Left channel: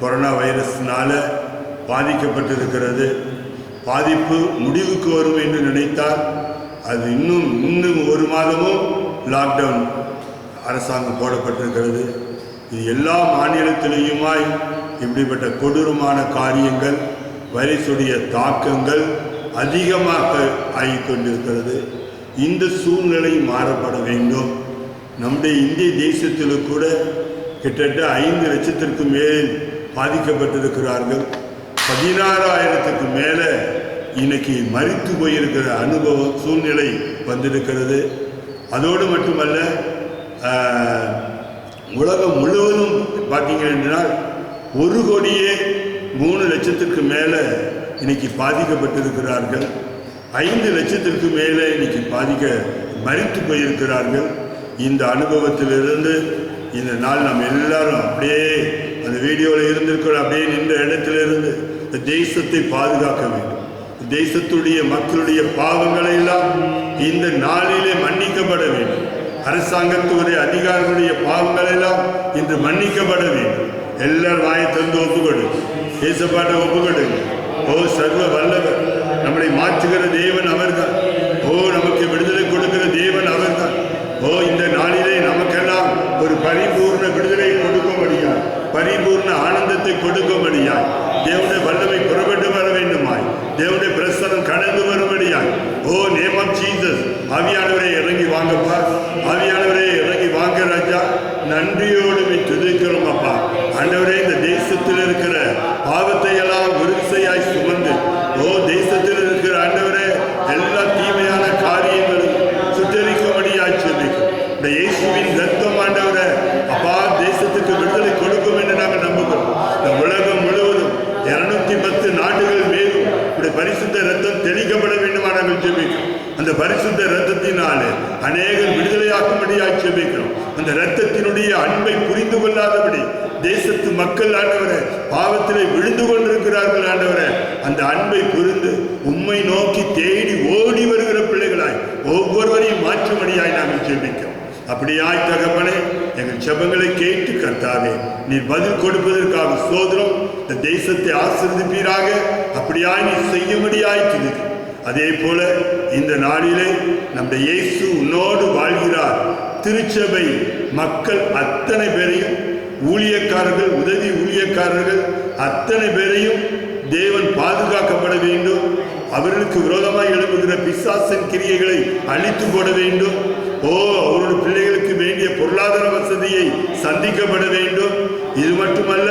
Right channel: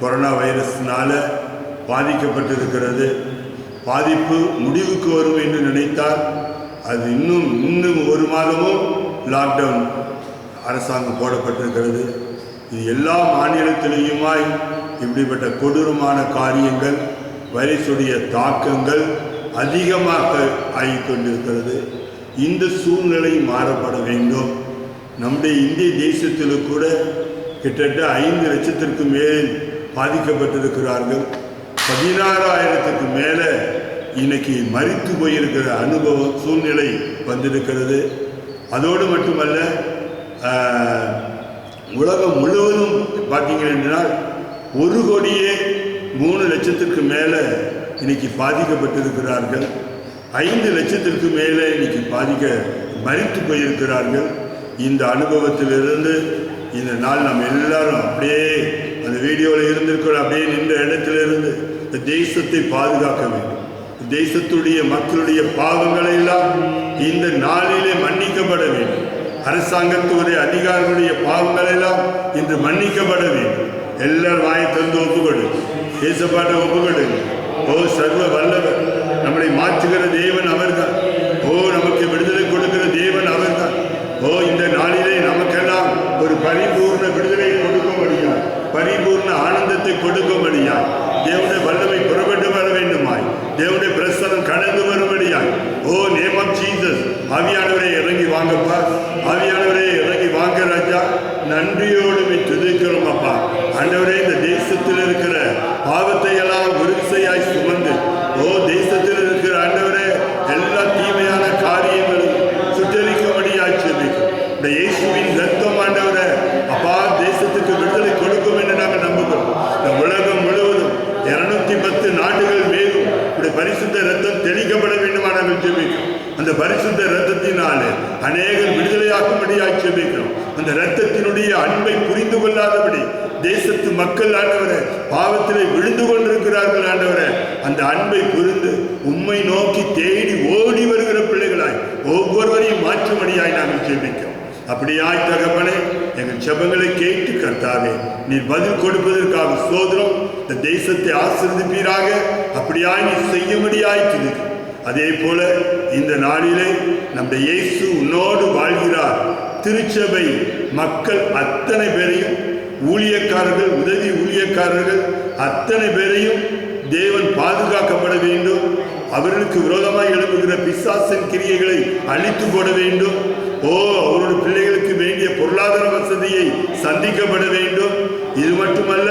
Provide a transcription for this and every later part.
Corona வைரஸ்னால பாதிக்கப்பட்டிருக்கிறது. பாதிப்பு முடிவுக்கு வரும் என்று நினைத்தால் அது இன்னும் ஒரு மாதமும் லாக்டவுன் அரசாங்கம் போடப்பட்டிருக்கிறது. இது எல்லா மாநிலத்திலேயுமாய் இப்படிப்பட்ட கொடூரமான காரியங்கள், வைரஸுடைய தாக்கங்கள் அதிகமாக ஆகிக்கொண்டிருக்கிறது. இந்த சூழ்நிலை மாறப்பட வேண்டும். நம்முடைய இந்திய தேசத்தில் கூட கிட்டத்தட்ட 5 லட்சத்திற்கு மேல் பாதிக்கப்பட்டிருக்கிறார்கள். 16,000க்கு மேலே இன்னைக்கு மரித்து போயிருக்கிற அனுபவம் சூழ்நிலை வந்திருக்கிறது. அதோடு மட்டுமல்ல, உலகம் முழுவதும் பார்த்தீங்கன்னா 1,03,00,000க்கு மேலே இன்னைக்கு பாதிக்கப்பட்டிருக்கிறார்கள். 5 லட்சத்திற்கு மேலே இன்னைக்கு மரித்து போயிருக்கிறார்கள். இந்த அனுபவத்திலிருந்து இந்த நாள் நம்ம எல்லாரும் அப்படியே அந்த வீடியோவில் இருந்திருக்கிறோம். அப்படியே நின்ற இடத்திலிருந்து இந்த தேசத்தை பாதுகாக்க வேண்டும். தேசத்துடைய மக்களுடைய பாவங்களை எல்லாம் இந்த நாளிலே மன்னிக்கப்பட வேண்டும். அரசாங்கத்துடைய அதிகாரிகளுடைய பாவங்கள் எல்லாம் இன்று மன்னிக்கப்பட வேண்டும். எல்லாரும் வாயை தந்து ஒப்புக்கொடு, தேசப்பாட்டை ஒப்புக்கொடுங்க. ஓ சர்வ வல்லவர், நம்மளை மாற்றுகிற தேவன் அவர்தான். ஓ நமக்கு விடுதலை கொடுக்கிற தேவன் அவர்தான். ஓ இந்த நாளிலே நமக்கெல்லாம் ஒரு பரிபூர்ண விடுதலை கொடுக்கும்படியாய், பரிபூர்ண ஆனந்தத்தை கொடுக்கும்படியாய் தேவனுடைய வல்லமை புறப்பட்டு வர வேண்டுமாய், தேவனுடைய பிரசனம் கடந்து வரும்படியாய், ஓ நேம் ஆஃப் ஜீசஸ், ஆவியானவரே இறங்கி வாங்கப்பா, ஆவியானவரே இறங்கி வாங்க ராஜா. நன்றியோடு துதிக்கிறோம் அப்பா. ஆண்டவரே, இந்த தேசத்தில் இருக்கிற பாவத்தை எல்லாம் விருசையாய் சுமந்து, ஓ தேசத்தில் இருக்கிற ஆண்டவரே எல்லா தீமையான காரியங்களும் சுட்டரிக்கும்படியாய் செபிக்கிறோம். இந்த இயேசுவின் ரத்தம் ஆண்டவரே அப்பா தேசத்துக்கு விடுதலை கொடுக்கும் என்று நாங்கள் நம்புகிறோம். இந்த உலகம் முழுவதும் 210 நாடுகள் மேலும் இப்படி பரிசுத்த ரத்தம் தெளிக்கப்பட வேண்டுமா நாங்கள் ஜெபிக்கிறோம். அந்த பரிசுத்த ரத்தத்தினாலே அநேகர் விடுதலையாக்கும்படியாய் ஜெபிக்கிறோம். அந்த ரத்தத்தினுடைய அன்பை புரிந்து கொள்ளாதபடி தேசத்து மக்கள் ஆண்டவரே பாவத்திலே விழுந்து கொண்டிருக்கிறார்கள். ஆண்டவரே அந்த அன்பை புரிந்து உம்மை நோக்கி தேடி ஓடி வருகிற பிள்ளைகளாய் ஒவ்வொருவரையும் மாற்றும்படியாய் நாங்கள் ஜெபிக்கிறோம். அப்படியாய் தகப்பனே, எங்கள் ஜெபங்களை கேட்டு கர்த்தாவே நீர் பதில் கொடுப்பதற்காக ஸ்தோத்திரம். இந்த தேசத்தை ஆசீர்வதிப்பீராக. அப்படியாய் நீ செய்யும்படியாய் துதிக்கிறோம். அதே போல இந்த நாளிலே நம்முடைய இயேசு உன்னோடு வாழ்கிறார். திருச்சபை மக்கள் அத்தனை பேரையும், ஊழியக்காரர்கள், உதவி ஊழியக்காரர்கள் அத்தனை பேரையும் தேவன் பாதுகாக்கப்பட வேண்டும். அவர்களுக்கு விரோதமாக எழுப்புகிற பிசாசின் கிரியைகளை அழித்து போட வேண்டும். ஓ அவருடைய பிள்ளைகளுக்கு வேண்டிய பொருளாதார வசதியை சந்திக்கப்பட வேண்டும். இது மட்டுமல்ல,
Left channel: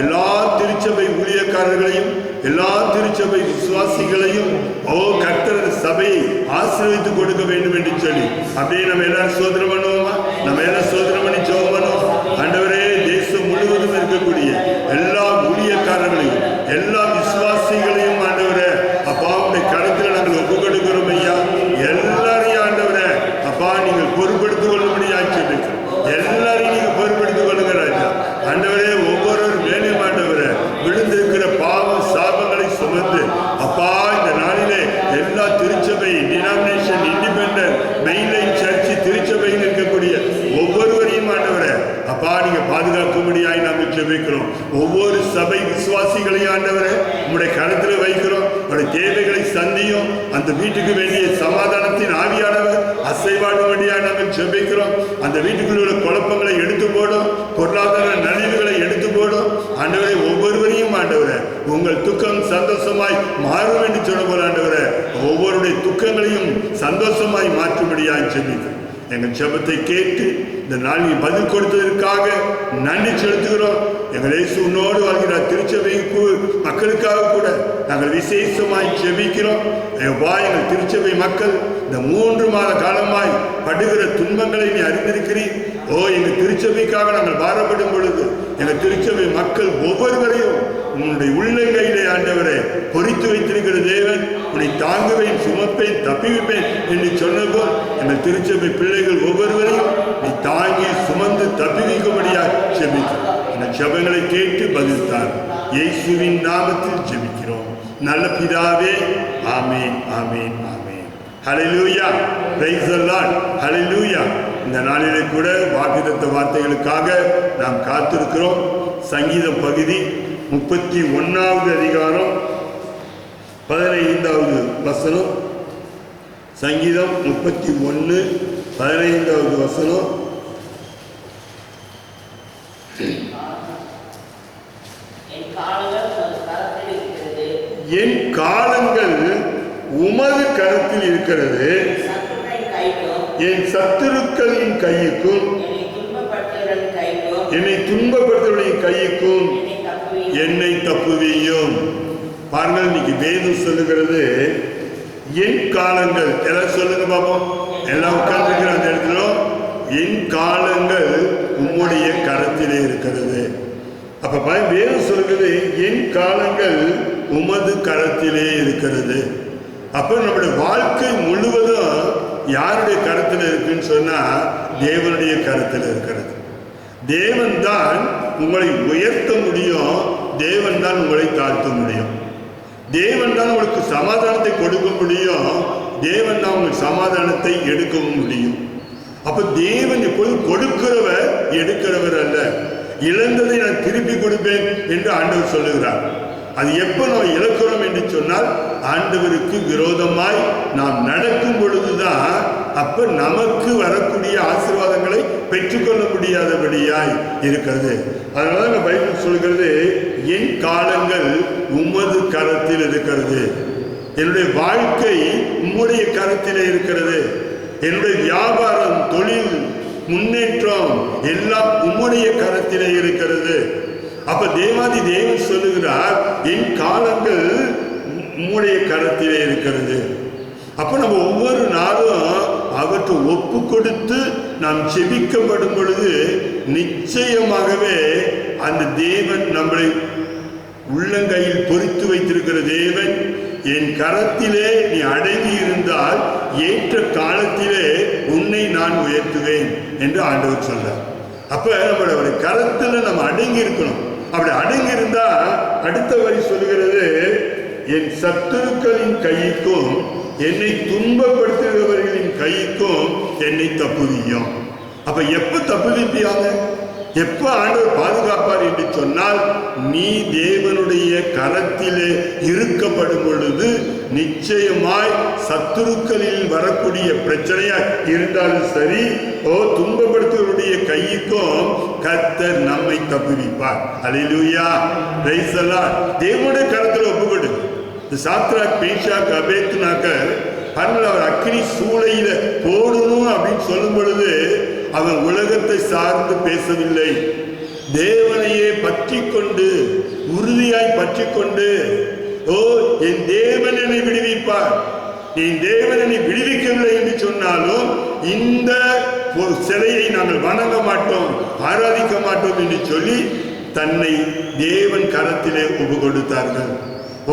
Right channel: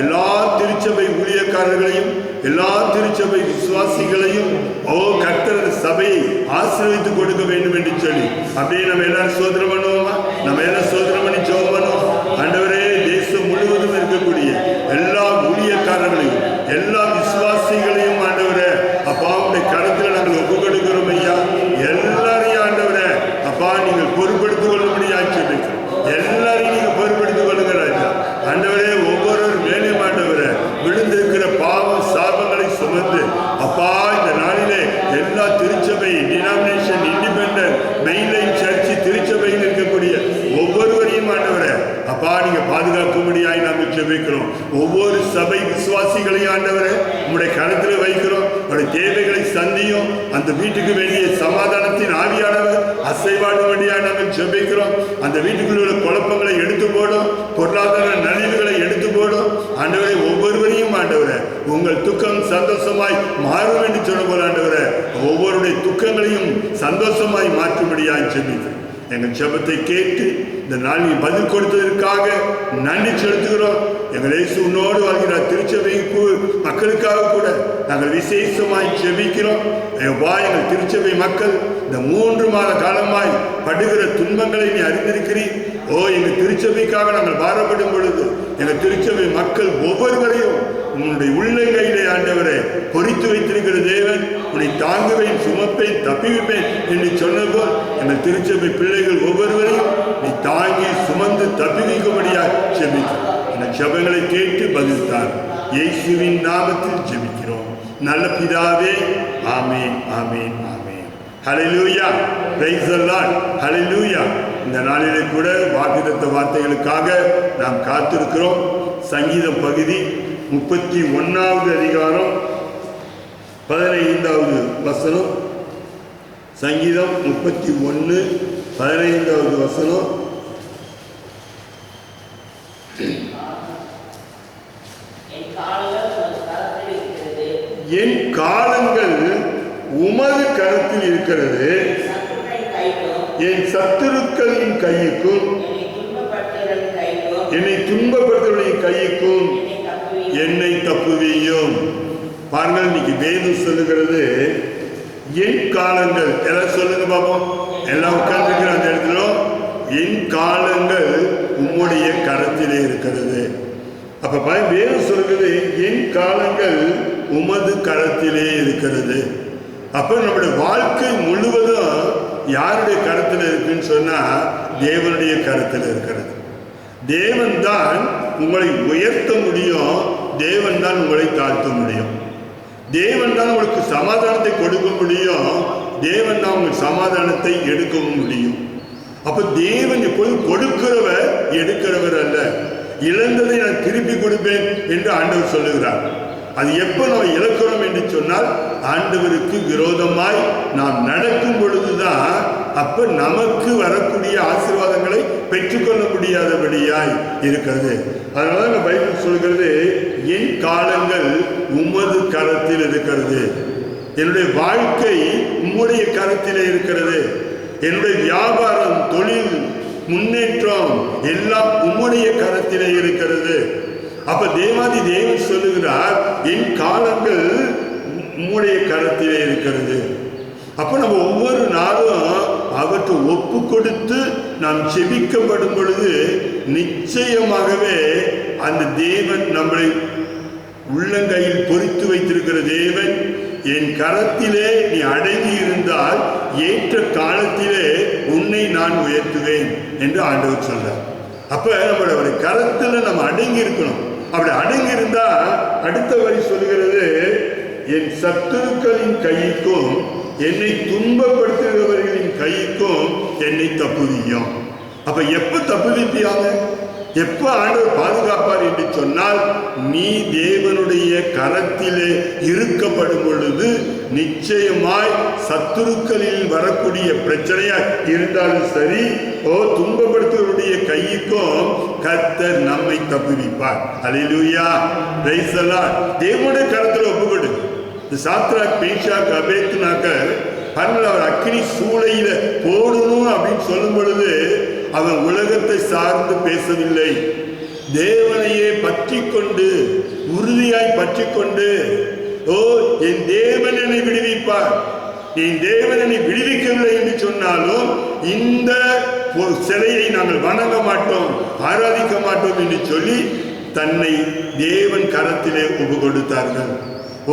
எல்லா திருச்சபை ஊழியக்காரர்களையும், எல்லா திருச்சபை விசுவாசிகளையும் ஓ கர்த்தர் சபையை ஆசீர்வதித்து கொடுக்க வேண்டும் என்று சொல்லி அப்படியே நம்ம எல்லாரும் சோதனை பண்ணுவோமா? நம்ம எல்லாம் சோதனை பண்ணி ஜெபம் பண்ணுவோம். ஆண்டவரே, தேசம் முழுவதும் இருக்கக்கூடிய எல்லா ஊழியக்காரர்களையும், எல்லா விசுவாசிகளையும் ஆண்டவரே அப்பா உடைய கருத்தில் நாங்கள் ஒப்பு கொடுக்கிறோம் ஐயா. எல்லாரையும் ஆண்டவரே அப்பா நீங்கள் பொறுப்படுத்திக் கொள்ளும்படியாக சொல்லிக்கிறோம். எல்லாரையும் நீங்கள் பொறுப்படுத்திக் கொள்ளுங்க ராஜா. ஆண்டவரே, ஒவ்வொரு மேலும் ஆண்டவரே விழுந்திருக்கிற பாவம் சாபங்களை சுமந்து அப்பா இந்த நாளிலே எல்லா திருச்சபை, டினாமினேஷன், இண்டிபெண்டன்ட், மெயின்லைன் சர்ச்சு திருச்சபையில் இருக்கக்கூடிய ஒவ்வொருவரையும் ஆண்டவரே அப்பா நீங்க பாதுகாக்கும்படியாய் நாங்கள் ஜெபிக்கிறோம். ஒவ்வொரு சபை விசுவாசிகளையும் ஆண்டவரே உங்களுடைய கருத்தில் வைக்கிறோம். உங்களுடைய தேவைகளை சந்தியும். அந்த வீட்டுக்கு வேண்டிய சமாதானத்தின் ஆவியானவர் அசைவாடும்படியாக நாங்கள் ஜெபிக்கிறோம். அந்த வீட்டுக்குள்ள உள்ள குழப்பங்களை எடுத்து போடும், பொருளாதார நலிவுகளை எடுத்து போடும். ஆண்டவரை ஒவ்வொருவரையும் ஆண்டவரை உங்கள் துக்கம் சந்தோஷமாய் மாறும் என்று சொல்ல போல ஆண்டவரை ஒவ்வொருடைய துக்கங்களையும் சந்தோஷமாய் மாற்றும்படியாக ஜெபிக்கிறோம். எங்கள் ஜெபத்தை கேட்டு இந்த நாளில் பதில் கொடுத்ததற்காக நன்றி செலுத்துகிறோம். எங்கள் இயேசு உன்னோடு வாழ்கிறார் திருச்சபை மக்களுக்காக கூட நாங்கள் விசேஷமாய் ஜெபிக்கிறோம். எங்கள் திருச்சபை மக்கள் இந்த 3 மாத காலமாய் படுகிற துன்பங்களை நீ அறிந்திருக்கிறீர். ஓ எங்கள் திருச்சபைக்காக நாங்கள் பாரப்படும் பொழுது எங்கள் திருச்சபை மக்கள் ஒவ்வொருவரையும் உன்னுடைய உள்ளங்கையிலே ஆண்டவரை பொறித்து வைத்திருக்கிற தேவன் உன்னை தாங்குவேன், சுமப்பேன், தப்பிவிப்பேன் என்று சொன்னபோல் எங்கள் திருச்சபை பிள்ளைகள் ஒவ்வொருவரையும் நீ தாங்கி சுமந்து தப்பி வைக்கும்படியாக ஜெபிக்கிறோம். இந்த ஜெபங்களை கேட்டு பதில்தார் இயேசுவின் நாமத்தில் ஜெபிக்கிறோம் நல்ல பிதாவே. ஆமீன், ஆமீன், ஆமீன். ஹல்லேலூயா, பிரைஸ் தி லார்ட், ஹல்லேலூயா. இந்த நாளிலே கூட வாக்குத்தத்த வார்த்தைகளுக்காக நாம் காத்திருக்கிறோம். சங்கீதம் பகுதி 31வது அதிகாரம் 15வது வசனம். சங்கீதம் 31 15வது வசனம். என் காலங்கள் உமது கரத்தில் இருக்கிறது, என் சத்துருக்களின் கையுக்கும் என்னை துன்பப்படுத்துவர்களின் கையுக்கும் என்னை தப்புவியும். பாருங்கள், இன்னைக்கு வேதம் சொல்லுகிறது என் காலங்கள். எல்லாம் சொல்லுங்க பாப்போம். எல்லாம் உட்கார்ந்துருக்கிற அந்த இடத்துல என் காலங்கள் உம்முடைய கரத்திலே இருக்கிறது. அப்ப வேதம் சொல்லுகிறது என் காலங்கள் உமது கரத்திலே இருக்கிறது. அப்ப நம்முடைய வாழ்க்கை முழுவதும் யாருடைய கரத்தில் இருக்குன்னு சொன்னா தேவனுடைய கரத்தில் இருக்கிறது. தேவன் தான் உங்களை உயர்த்த முடியும், தேவன் தான் உங்களை தாழ்த்த முடியும். தேவன் தான் உங்களுக்கு சமாதானத்தை கொடுக்க முடியும், தேவன் தான் உங்களுக்கு சமாதானத்தை எடுக்கவும் முடியும். அப்ப தேவன் எப்போதும் கொடுக்கிறவர் எடுக்கிறவர் அல்ல. இழந்ததை நான் திருப்பி கொடுப்பேன் என்று ஆண்டவர் சொல்லுகிறார். அது எப்போ நம்ம இழக்கிறோம் என்று சொன்னால் ஆண்டவருக்கு விரோதமாய் நாம் நடக்கும் பொழுதுதான் அப்ப நமக்கு வரக்கூடிய ஆசீர்வாதங்களை பெற்றுக்கொள்ள முடியாதபடியாய் இருக்கிறது. அதனால பைபிள் சொல்கிறது என் காலங்கள் உமது கரத்தில் இருக்கிறது. என்னுடைய வாழ்க்கை உம்முடைய கரத்திலே இருக்கிறது. என்னுடைய வியாபாரம், தொழில், முன்னேற்றம் எல்லாம் உம்முடைய கரத்திலே இருக்கிறது. அப்ப தேவாதி தேவன் சொல்லுகிறார் என் காலங்கள் உம்முடைய கரத்திலே இருக்கிறது. அப்ப நம்ம ஒவ்வொரு நாளும் அவற்றை ஒப்பு கொடுத்து நாம் செபிக்கப்படும் பொழுது நிச்சயமாகவே அந்த தேவன் நம்மளை உள்ளங்கையில் பொறித்து வைத்திருக்கிற தேவன், என் கரத்திலே நீ அடங்கி இருந்தால் ஏற்ற காலத்திலே உன்னை நான் உயர்த்துவேன் என்று ஆண்டவர் சொல்றார். அப்ப நம்மளுடைய கரத்துல நம்ம அடங்கி இருக்கணும். அப்படி அடங்கி இருந்தா அடுத்த வரி சொல்லுகிறது என் சத்துருக்களின் கைக்கும் என்னை துன்பப்படுத்துகிறவர்களின் கைக்கும் என்னை தப்புவியும். அப்ப எப்ப தப்புவிப்பியாங்க, எப்ப ஆண்டவர் பாதுகாப்பார் என்று சொன்னால் நீ தேவனுடைய கரத்திலே இருக்கப்படும் பொழுது நிச்சயமாய் சத்துருக்களில் வரக்கூடிய பிரச்சனையா இருந்தாலும் சரி, துன்பப்படுத்துவருடைய கைக்கும் கர்த்தர் நம்மை தப்புவிப்பார். அல்லேலூயா, பிரைஸ் தி லார்ட். தேவனுடைய கரத்தில் ஒப்புக்கொடு. சாத்ராக், மேஷாக், அபேத்நேகோ அவர் அக்கினி சூளையில போடணும் அப்படின்னு சொல்லும் பொழுது அவன் உலகத்தை சார்ந்து பேசவில்லை. தேவனையே பற்றி கொண்டு உறுதியாய் பற்றி கொண்டு என் தேவன் என்னை விடுவிப்பார், என் தேவன் என்னை விடுவிக்கவில்லை என்று சொன்னாலும் இந்த சிலையை நாங்கள் வணங்க மாட்டோம், ஆராதிக்க மாட்டோம் என்று சொல்லி தன்னை தேவன் கரத்திலே ஒப்பு கொடுத்தார்கள்.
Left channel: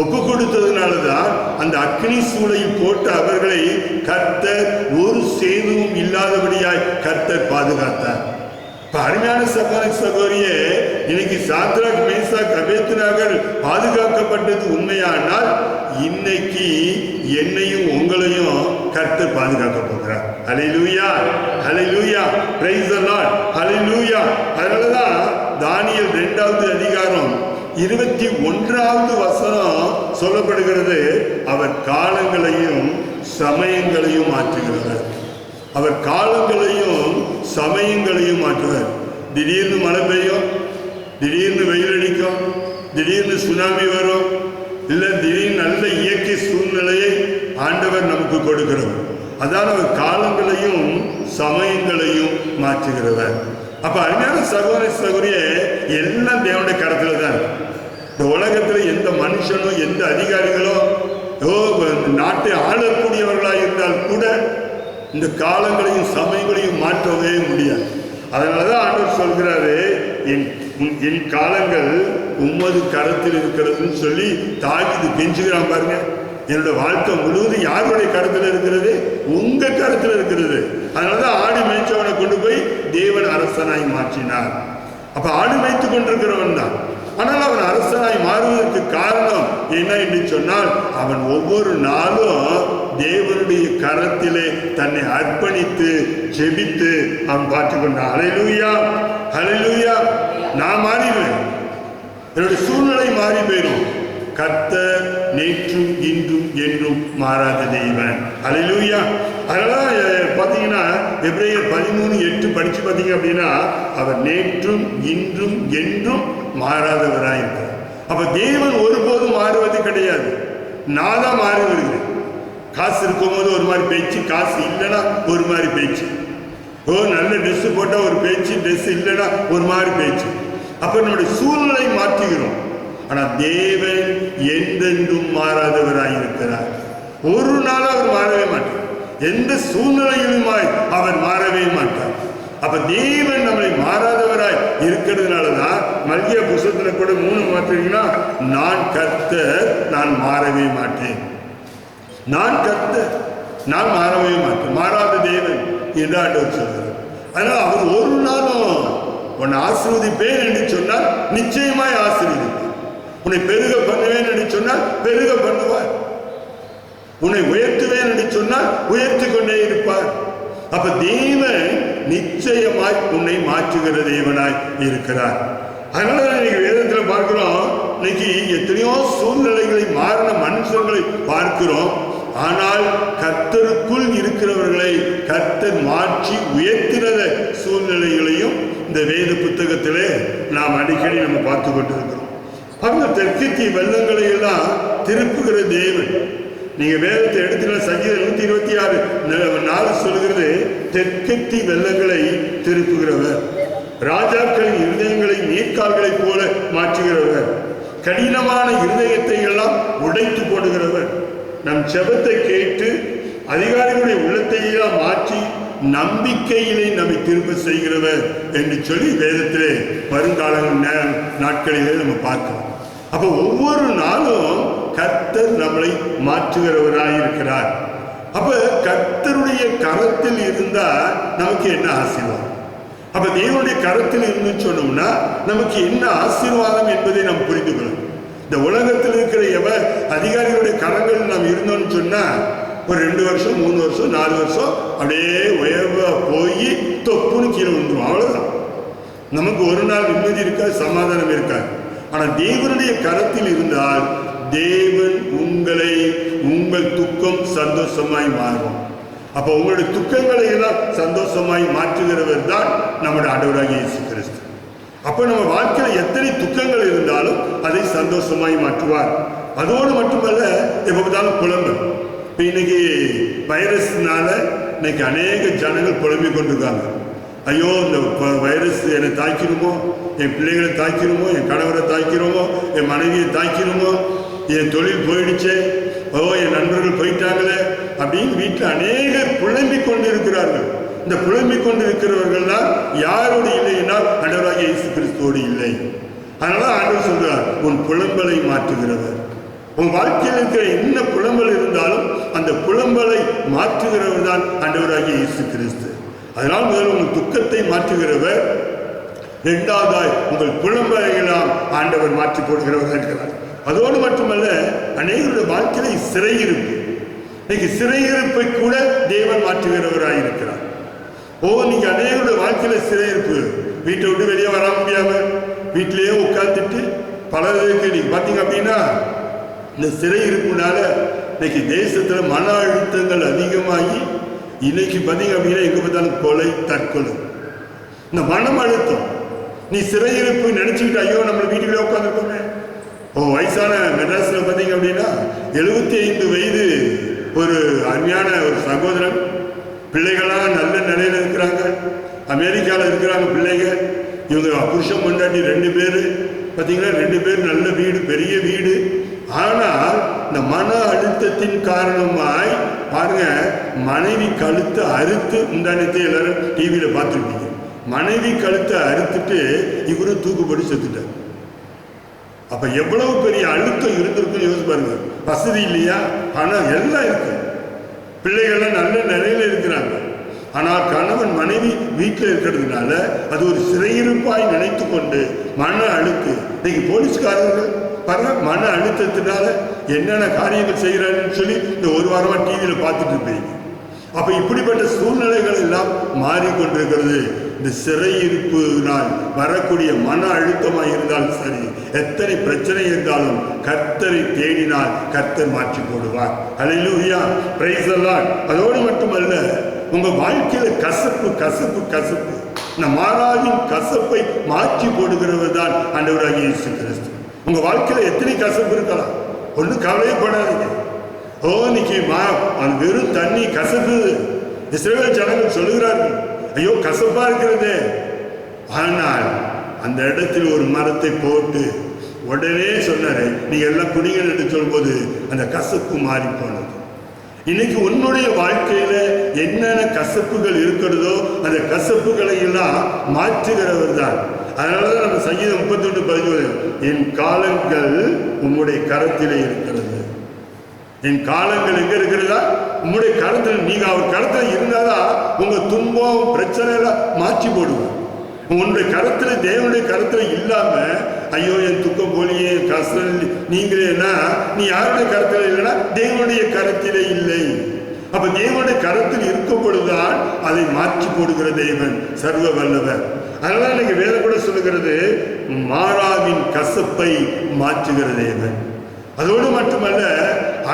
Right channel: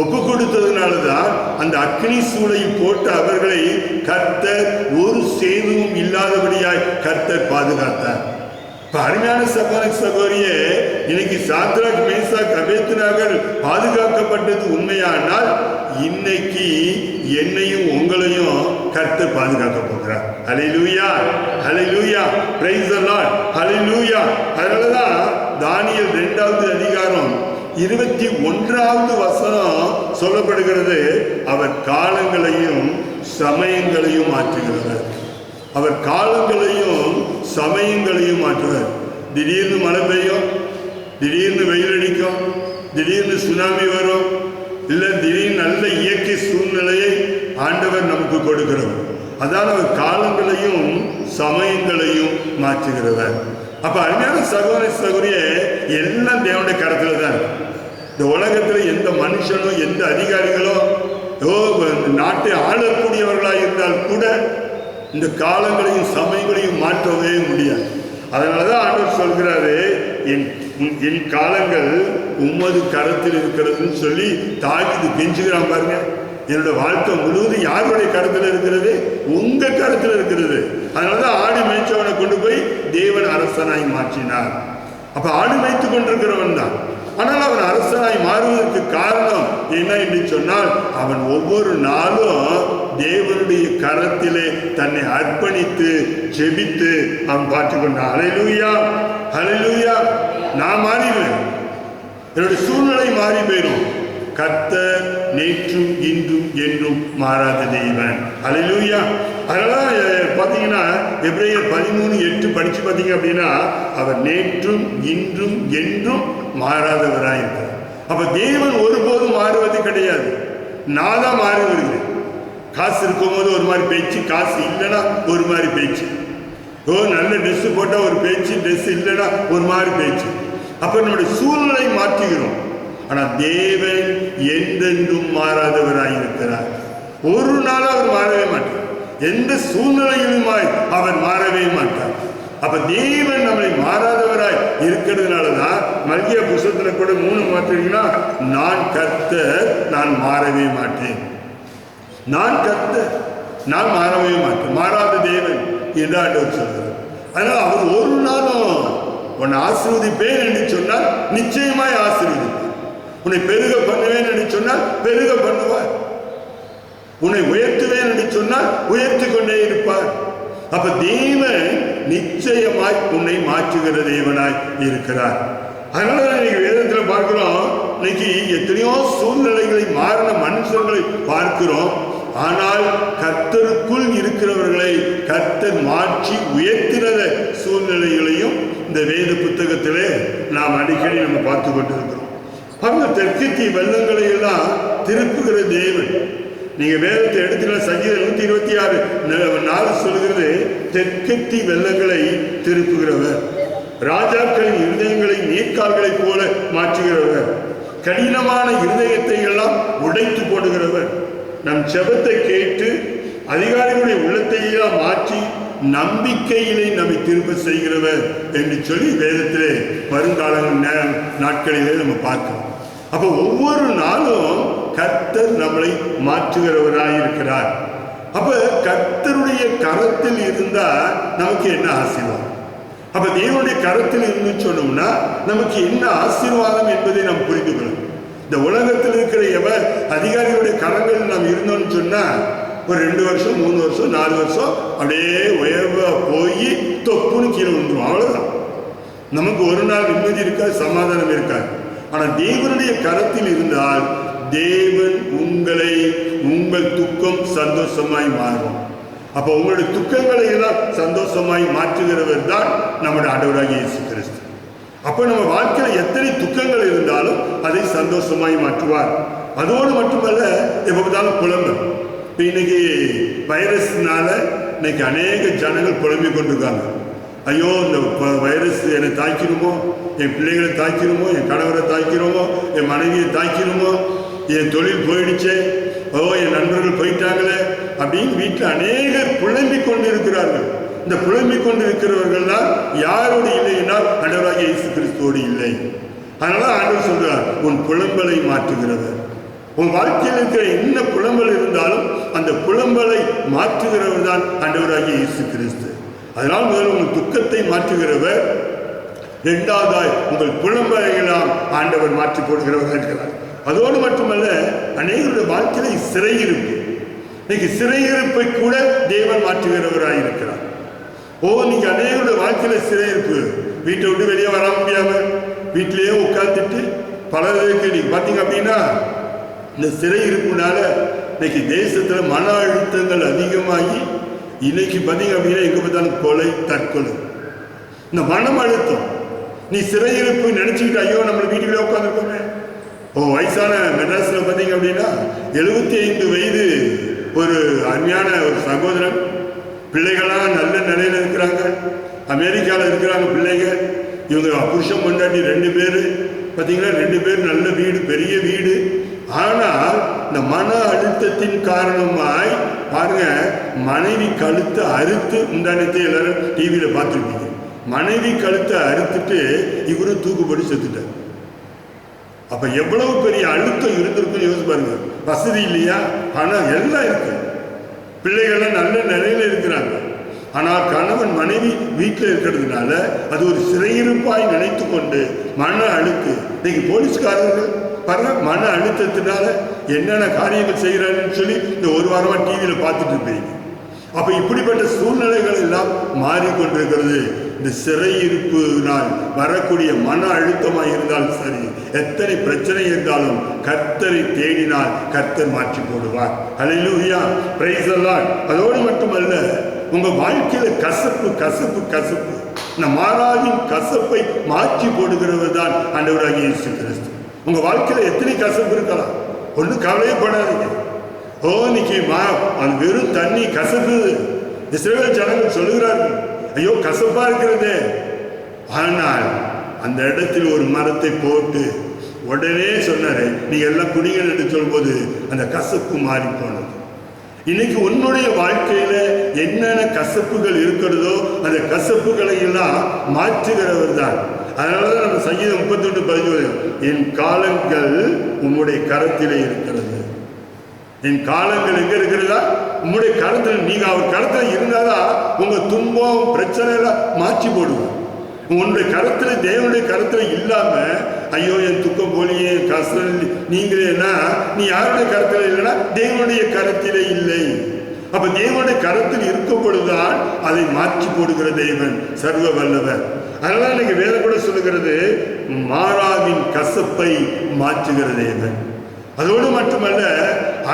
ஒப்பு கொடுத்ததுனாலதான் அந்த அக்னி சூளையில் போட்ட அவர்களை கர்த்தர் ஒரு சேதமும் இல்லாதபடியாய் கர்த்தர் பாதுகாத்தார். அருமையான சகோதரியே, இன்னைக்கு சாத்ராக், மேஷாக், அபேத்நேகோ பாதுகாக்கப்பட்டது உண்மையானால் இன்னைக்கு என்னையும் உங்களையும் கர்த்தர் பாதுகாக்க போகிறார். ஹல்லேலூயா, ஹல்லேலூயா, பிரைஸ் தி லார்ட், ஹல்லேலூயா. அதனாலதான் தானியேல் 2வது அதிகாரம் 21வது வசனம் சொல்லப்படுகிறது, அவர் காலங்களையும் சமயங்களையும் மாற்றுகிறவர். அவர் காலங்களையும் சமயங்களையும் மாற்றுவார். திடீர்னு மழை பெய்யும், திடீர்னு வெயில் அடிக்கும், திடீர்னு சுனாமி வரும், இல்லை திடீர்னு நல்ல இயற்கை சூழ்நிலையை ஆண்டவர் நமக்கு கொடுக்கிறவர். அதான் அவர் காலங்களையும் சமயங்களையும் மாற்றுகிறவர். அப்ப அருமையான சகோதரியே, எல்லாம் தேவனுடைய கரத்துல தான். இந்த உலகத்துல எந்த மனுஷனும் எந்த அதிகாரிகளோ நாட்டை ஆளக்கூடியவர்களாக இருந்தால் கூட இந்த காலங்களையும் சமயங்களையும் மாற்றவே முடியாது. அதனாலதான் ஆண்டவர் சொல்கிறாரு என் காலங்கள் உம்மது கரத்தில் இருக்கிறதுன்னு சொல்லி தாவீது கெஞ்சுகிறான். பாருங்க, என்னோட வாழ்க்கை முழுவதும் யாருடைய கரத்தில் இருக்கிறது? உங்க கரத்தில் இருக்கிறது. அதனாலதான் ஆடு மேய்ச்சவனை கொண்டு போய் தேவன் அரசனாய் மாற்றினார். அப்ப ஆடு மேய்த்து கொண்டிருக்கிறவன் தான். ஆனால் அவன் அரசனாய் மாறுவதற்கு காரணம் என்ன என்று சொன்னால் அவன் ஒவ்வொரு நாளும் தேவனுடைய கரத்திலே தன்னை அர்ப்பணித்து ஜெபித்து அவன் பார்த்து கொண்டான். ஹல்லேலூயா, ஹல்லேலூயா. நான் மாறிடுவேன், என்னுடைய சூழ்நிலை மாறி போயிடும். கர்த்தர் நேற்றும் இன்றும் என்றும் மாறாத தேவன். அல்லேலூயா. அதெல்லாம் பார்த்தீங்கன்னா எபிரேயர் 13:8 படிச்சு பார்த்தீங்க அப்படின்னா, அவர் நேற்றும் இன்றும் என்றும் மாறாதவராக இருக்கிறார். அப்ப தேவன் ஒருபோதும் மாறுவது கிடையாது. நான் தான் மாறி வருகிறேன். காசு இருக்கும்போது ஒரு மாதிரி பேச்சு, காசு இல்லைன்னா ஒரு மாதிரி பேச்சு. நல்ல ட்ரெஸ் போட்டால் ஒரு பேச்சு, ட்ரெஸ் இல்லைன்னா ஒரு மாதிரி பேச்சு. அப்ப நம்முடைய சூழ்நிலை மாற்றுகிறோம். ஆனால் தேவன் என்றென்றும் மாறாதவராய் இருக்கிறார். ஒரு நாள் அவர் மாறவே மாட்டார். எந்த சூழ்நிலையிலுமாய் அவர் மாறவே மாட்டார். அப்ப தேவன் நம்மளை மாறாதவராய் இருக்கிறதுனாலதான் மல்கியா புத்தகத்துல கூட 3 மாற்றீங்கன்னா, நான் கர்த்தர், நான் மாறவே மாட்டேன். நான் கர்த்தர், நான் மாறவே மாட்டேன், மாறாத தேவன் என்று ஆண்டவர் சொல்றார். அதனால அவர் ஒரு நாளும் உன்னை ஆசீர்வதிப்பேன் என்று சொன்னால் நிச்சயமாய் ஆசீர்வதிப்பார். உன்னை பெருக பண்ணுவேன் என்று சொன்னால் பெருக பண்ணுவார். உன்னை உயர்த்துவேன் என்று சொன்னால் உயர்த்தி கொண்டே இருப்பார். அப்ப தேவன் நிச்சயமாய் உன்னை மாற்றுகிற தேவனாய் இருக்கிறார். அதனால இன்னைக்கு வேதத்தில் பார்க்கிறோம், இன்னைக்கு எத்தனையோ சூழ்நிலைகளை மாறின மனுஷங்களை பார்க்கிறோம். ஆனால் கர்த்தருக்குள் இருக்கிறவர்களை கர்த்தர் மாற்றி உயர்த்தினத சூழ்நிலைகளையும் இந்த வேத புத்தகத்திலே நாம் அடிக்கடி நம்ம பார்த்து கொண்டிருக்கிறோம். அவங்க தெற்கத்திய வெள்ளங்களை எல்லாம் திருப்புகிற தேவன். நீங்க வேதத்தை எடுத்துக்கிற சங்கீதம் 126:4 சொல்கிறது, தெற்கத்தி வெள்ளங்களை திருப்புகிறவர், ராஜாக்களின் இருதயங்களை நீர்க்கால்களைப் போல மாற்றுகிறவர், கடினமான இருதயத்தை எல்லாம் உடைத்து போடுகிறவர், நம் செபத்தை கேட்டு அதிகாரிகளுடைய உள்ளத்தை எல்லாம் மாற்றி நம்பிக்கையிலே நம்மை திரும்ப செய்கிறவர் என்று சொல்லி வேதத்திலே வருங்காலங்கள் நாட்களிலே நம்ம பார்க்கிறோம். அப்ப ஒவ்வொரு நாளும் கர்த்தர் நம்மளை மாற்றுகிறவராய் இருக்கிறார். அப்ப கர்த்தருடைய கரத்தில் இருந்தா நமக்கு என்ன ஆசீர்வாதம்? அப்ப தேவனுடைய கரத்தில் இருந்து சொன்னோம்னா நமக்கு என்ன ஆசீர்வாதம் என்பதை நாம் புரிந்து கொள்ளணும். இந்த உலகத்தில் இருக்கிற அதிகாரிகளுடைய கரங்கள் நாம் இருந்தோம்னு சொன்னா ஒரு 2 வருஷம் 3 வருஷம் 4 வருஷம் அப்படியே உயர்வா போய் தொப்புன்னு கீழே விழுந்துடும். அவ்வளவுதான். நமக்கு ஒரு நாள் நிம்மதி இருக்காது, சமாதானம் இருக்காது. ஆனா தேவனுடைய கரத்தில் இருந்தால் தேவன் உங்கள் துக்கம் சந்தோஷமாய் மாறும். அப்ப உங்களுடைய துக்கங்களை எல்லாம் சந்தோஷமாய் மாற்றுகிறவர் தான் நம்முடைய ஆண்டவராகிய இயேசு கிறிஸ்து. அப்ப நம்ம வாழ்க்கையில எத்தனை துக்கங்கள் இருந்தாலும் அதை சந்தோஷமாய் மாற்றுவார். அதோடு மட்டுமல்ல, எப்ப பார்த்தாலும் புலம்பல். இப்போ இன்னைக்கு வைரஸ்னால இன்னைக்கு அநேக ஜனங்கள் புலம்பிக் கொண்டிருக்காங்க. ஐயோ, இந்த வைரஸ் என்னை தாக்கிடுமோ, என் பிள்ளைகளை தாக்கிடுமோ, என் கணவரை தாக்கிடுமோ, என் மனைவியை தாக்கிடுமோ, என் தொழில் போயிடுச்சே, என் நண்பர்கள் போயிட்டாங்களே அப்படின்னு வீட்டில் அநேகர் புலம்பிக் கொண்டு இருக்கிறார்கள். இந்த புலம்பிக் கொண்டு இருக்கிறவர்கள் தான் யாரோடு இல்லை என்றால் ஆண்டவராகிய இயேசு கிறிஸ்துவோடு இல்லை. அதனால ஆண்டவர் சொல்றார், உன் புலம்பலை மாற்றுகிறவர். உன் வாழ்க்கையில் இருக்கிற என்ன புலம்பல் இருந்தாலும் அந்த புலம்பலை மாற்றுகிறவர் தான் ஆண்டவராகிய இயேசு கிறிஸ்து. அதனால் முதல்ல உங்கள் துக்கத்தை மாற்றுகிறவர், இரண்டாவதாய் உங்கள் புலம்பலையெல்லாம் ஆண்டவர் மாற்றி போடுகிறவராக இருக்கிறார். அதோடு மட்டுமல்ல, அநேகருடைய வாழ்க்கையில சிறையிருப்பு, இன்னைக்கு சிறையிருப்பை கூட தேவன் மாற்றுகிறவராக இருக்கிறார். நீங்க அநேகருடைய வாழ்க்கையில சிறையிருப்பு, வீட்டை விட்டு வெளியே வர முடியாம வீட்டிலேயே உட்கார்ந்துட்டு பலருக்கு நீங்க பாத்தீங்க அப்படின்னா, இந்த சிறையிருப்புனால இன்னைக்கு தேசத்துல மன அழுத்தங்கள் அதிகமாகி இன்னைக்கு பார்த்தீங்க அப்படின்னா எங்க பார்த்தாலும் கொலை, தற்கொலை. இந்த மனம் அழுத்தம், நீ சிறையிருப்பு நினைச்சுக்கிட்டு ஐயோ நம்ம வீட்டுக்குள்ளே உட்காந்துருக்கோமே. வயசான மெட்ராஸ்ல பார்த்தீங்க அப்படின்னா 75 வயது ஒரு அருமையான ஒரு சகோதரன், பிள்ளைகளாம் நல்ல நிலையில இருக்கிறாங்க, அமெரிக்காவில் இருக்கிறாங்க பிள்ளைங்க. இவங்க புருஷன் பொண்டாட்டி 2 பேர் பார்த்தீங்கன்னா 2 பேர் நல்ல வீடு, பெரிய வீடு. ஆனால் இந்த மன அழுத்தத்தின் காரணமாய் பாருங்க, மனைவி கழுத்தை அறுத்து, முந்தானத்தை எல்லாரும் டிவியில பார்த்துருப்பீங்க, மனைவி கழுத்தை அறுத்துட்டு இவரும் தூக்குப்படி செத்துட்டார். அப்ப எவ்வளவு பெரிய அழுத்தம் இருந்திருக்கும் யோசிச்சு பாருங்க. வசதி இல்லையா, பணம் எல்லாம் இருக்கு, பிள்ளைகள்லாம் நல்ல நிலையில இருக்கிறாங்க. ஆனால் கணவன் மனைவி வீட்டில் இருக்கிறதுனால அது ஒரு சிறையிருப்பாய் நினைத்து கொண்டு மன அழுத்து. இன்னைக்கு போலீஸ்காரர்கள் பாருங்க, மன அழுத்தத்தினால என்னென்ன காரியங்கள் செய்கிறாருன்னு சொல்லி இந்த ஒரு வாரமா டிவியில பார்த்துட்டு இருப்பீங்க. அப்ப இப்படிப்பட்ட சூழ்நிலைகள் எல்லாம் மாறிக்கொண்டிருக்கிறது. இந்த சிறையிருப்பினால் வரக்கூடிய மன அழுத்தமாக இருந்தாலும் சரி, எத்தனை பிரச்சனை இருந்தாலும் கர்த்தரை தேடினால் கர்த்தர் மாற்றி போடுவார். ஹல்லேலூயா, பிரைஸ் தி லார்ட். அதோடு மட்டுமல்ல, உங்க வாழ்க்கையில கசப்பு கசப்பு கசப்பு, இந்த மாறாவின் கசப்பை மாற்றி போடுகிறவர் தான் ஆண்டவராகிய இயேசு கிறிஸ்து. உங்க வாழ்க்கையில எத்தனை கசப்பு இருக்கலாம், ஒன்றும் கவலையப்படாதீங்க. இன்னைக்கு அது வெறும் தண்ணி கசப்பு. இஸ்ரவேல் ஜனங்கள் சொல்லுகிறார்கள், ஐயோ கசப்பா இருக்கிறது. ஆனால் அந்த இடத்தில் ஒரு மரத்தை போட்டு உடனே சொன்னாரு, நீங்க எல்லாம் குடிங்கள் என்று சொல்லும்போது அந்த கசப்பு மாறி போனது. இன்னைக்கு உன்னுடைய வாழ்க்கையில என்னென்ன கசப்புகள் இருக்கிறதோ அந்த கசப்புகளை எல்லாம் மாற்றுகிறவர் தான். அதனாலதான் நம்ம சங்கீதம் 31:11, என் காலங்கள் உம்முடைய கரத்திலே இருக்கிறது. என் காலங்கள் எங்க இருக்கிறதா? உங்களுடைய கருத்தில். நீங்க அவர் கருத்தில் இருந்தாதான் உங்க துன்பம் பிரச்சனை எல்லாம் மாற்றி போடுவோம். உன்னுடைய கருத்துல, தேவனுடைய கருத்துல இல்லாம ஐயோ என் துக்கம் போலியே, என் கஷ்டம் நீங்களேனா, நீ யாருடைய கருத்துல இல்லைன்னா தேவனுடைய கருத்திலே இல்லை. அப்ப தேவனுடைய கருத்தில் இருக்கும் பொழுதுதான் அதை மாற்றி போடுகிற தேவன் சர்வ வல்லவர். அதனால இன்னைக்கு வேதம் கூட சொல்லுகிறது, மாறாவின் கசப்பை மாற்றுகிற தேவன். அதோடு மட்டுமல்ல,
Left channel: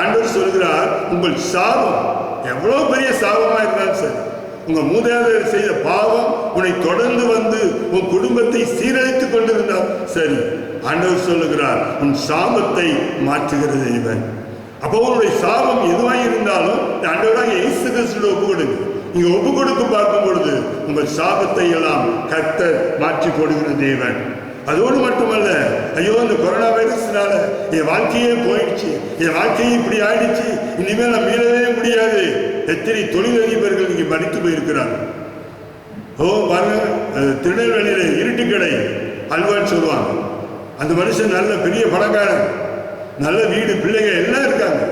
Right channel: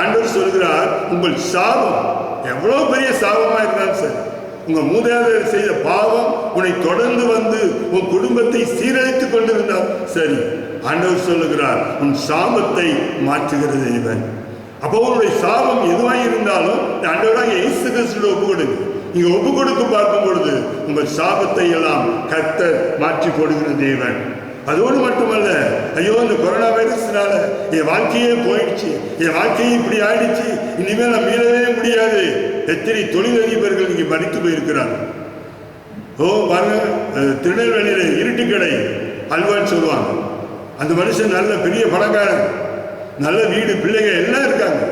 ஆண்டவர் சொல்கிறார், உங்கள் சாபம் எவ்வளவு பெரிய சாபமா இருந்தாலும் சரி, உங்க மூதாதையர் செய்த பாவம் உன்னை தொடர்ந்து வந்து உன் குடும்பத்தை சீரழித்துக் கொண்டிருந்தால் சரி, ஆண்டவர் சொல்லுகிறார், உன் சாபத்தை மாற்றுகிற தேவன். அப்போ உன்னுடைய சாபம் எதுவாக இருந்தாலும் ஆண்டவராக இயேசு கிறிஸ்துவிடம் ஒப்பு கொடுங்க. நீங்க ஒப்பு கொடுத்து பார்க்கும் பொழுது உங்கள் சாபத்தை எல்லாம் கர்த்தர் மாற்றி போடுகிற தேவன். அதோடு மட்டுமல்ல, ஐயோ இந்த கொரோனா வைரஸ்னால என் வாழ்க்கையே போயிடுச்சு, என் வாழ்க்கையே இப்படி ஆயிடுச்சு, இனிமேல் நான் மீளவே முடியாது. எத்தனை தொழிலதிபர்கள் இங்கே மடித்து போயிருக்கிறாங்க. பாருங்க, திருநெல்வேலியில இருட்டு கடை அல்வான்னு சொல்லுவாங்க. அந்த மனுஷன் நல்ல பெரிய பணக்காரன், நல்ல வீடு, பிள்ளைங்க எல்லாம் இருக்காங்க.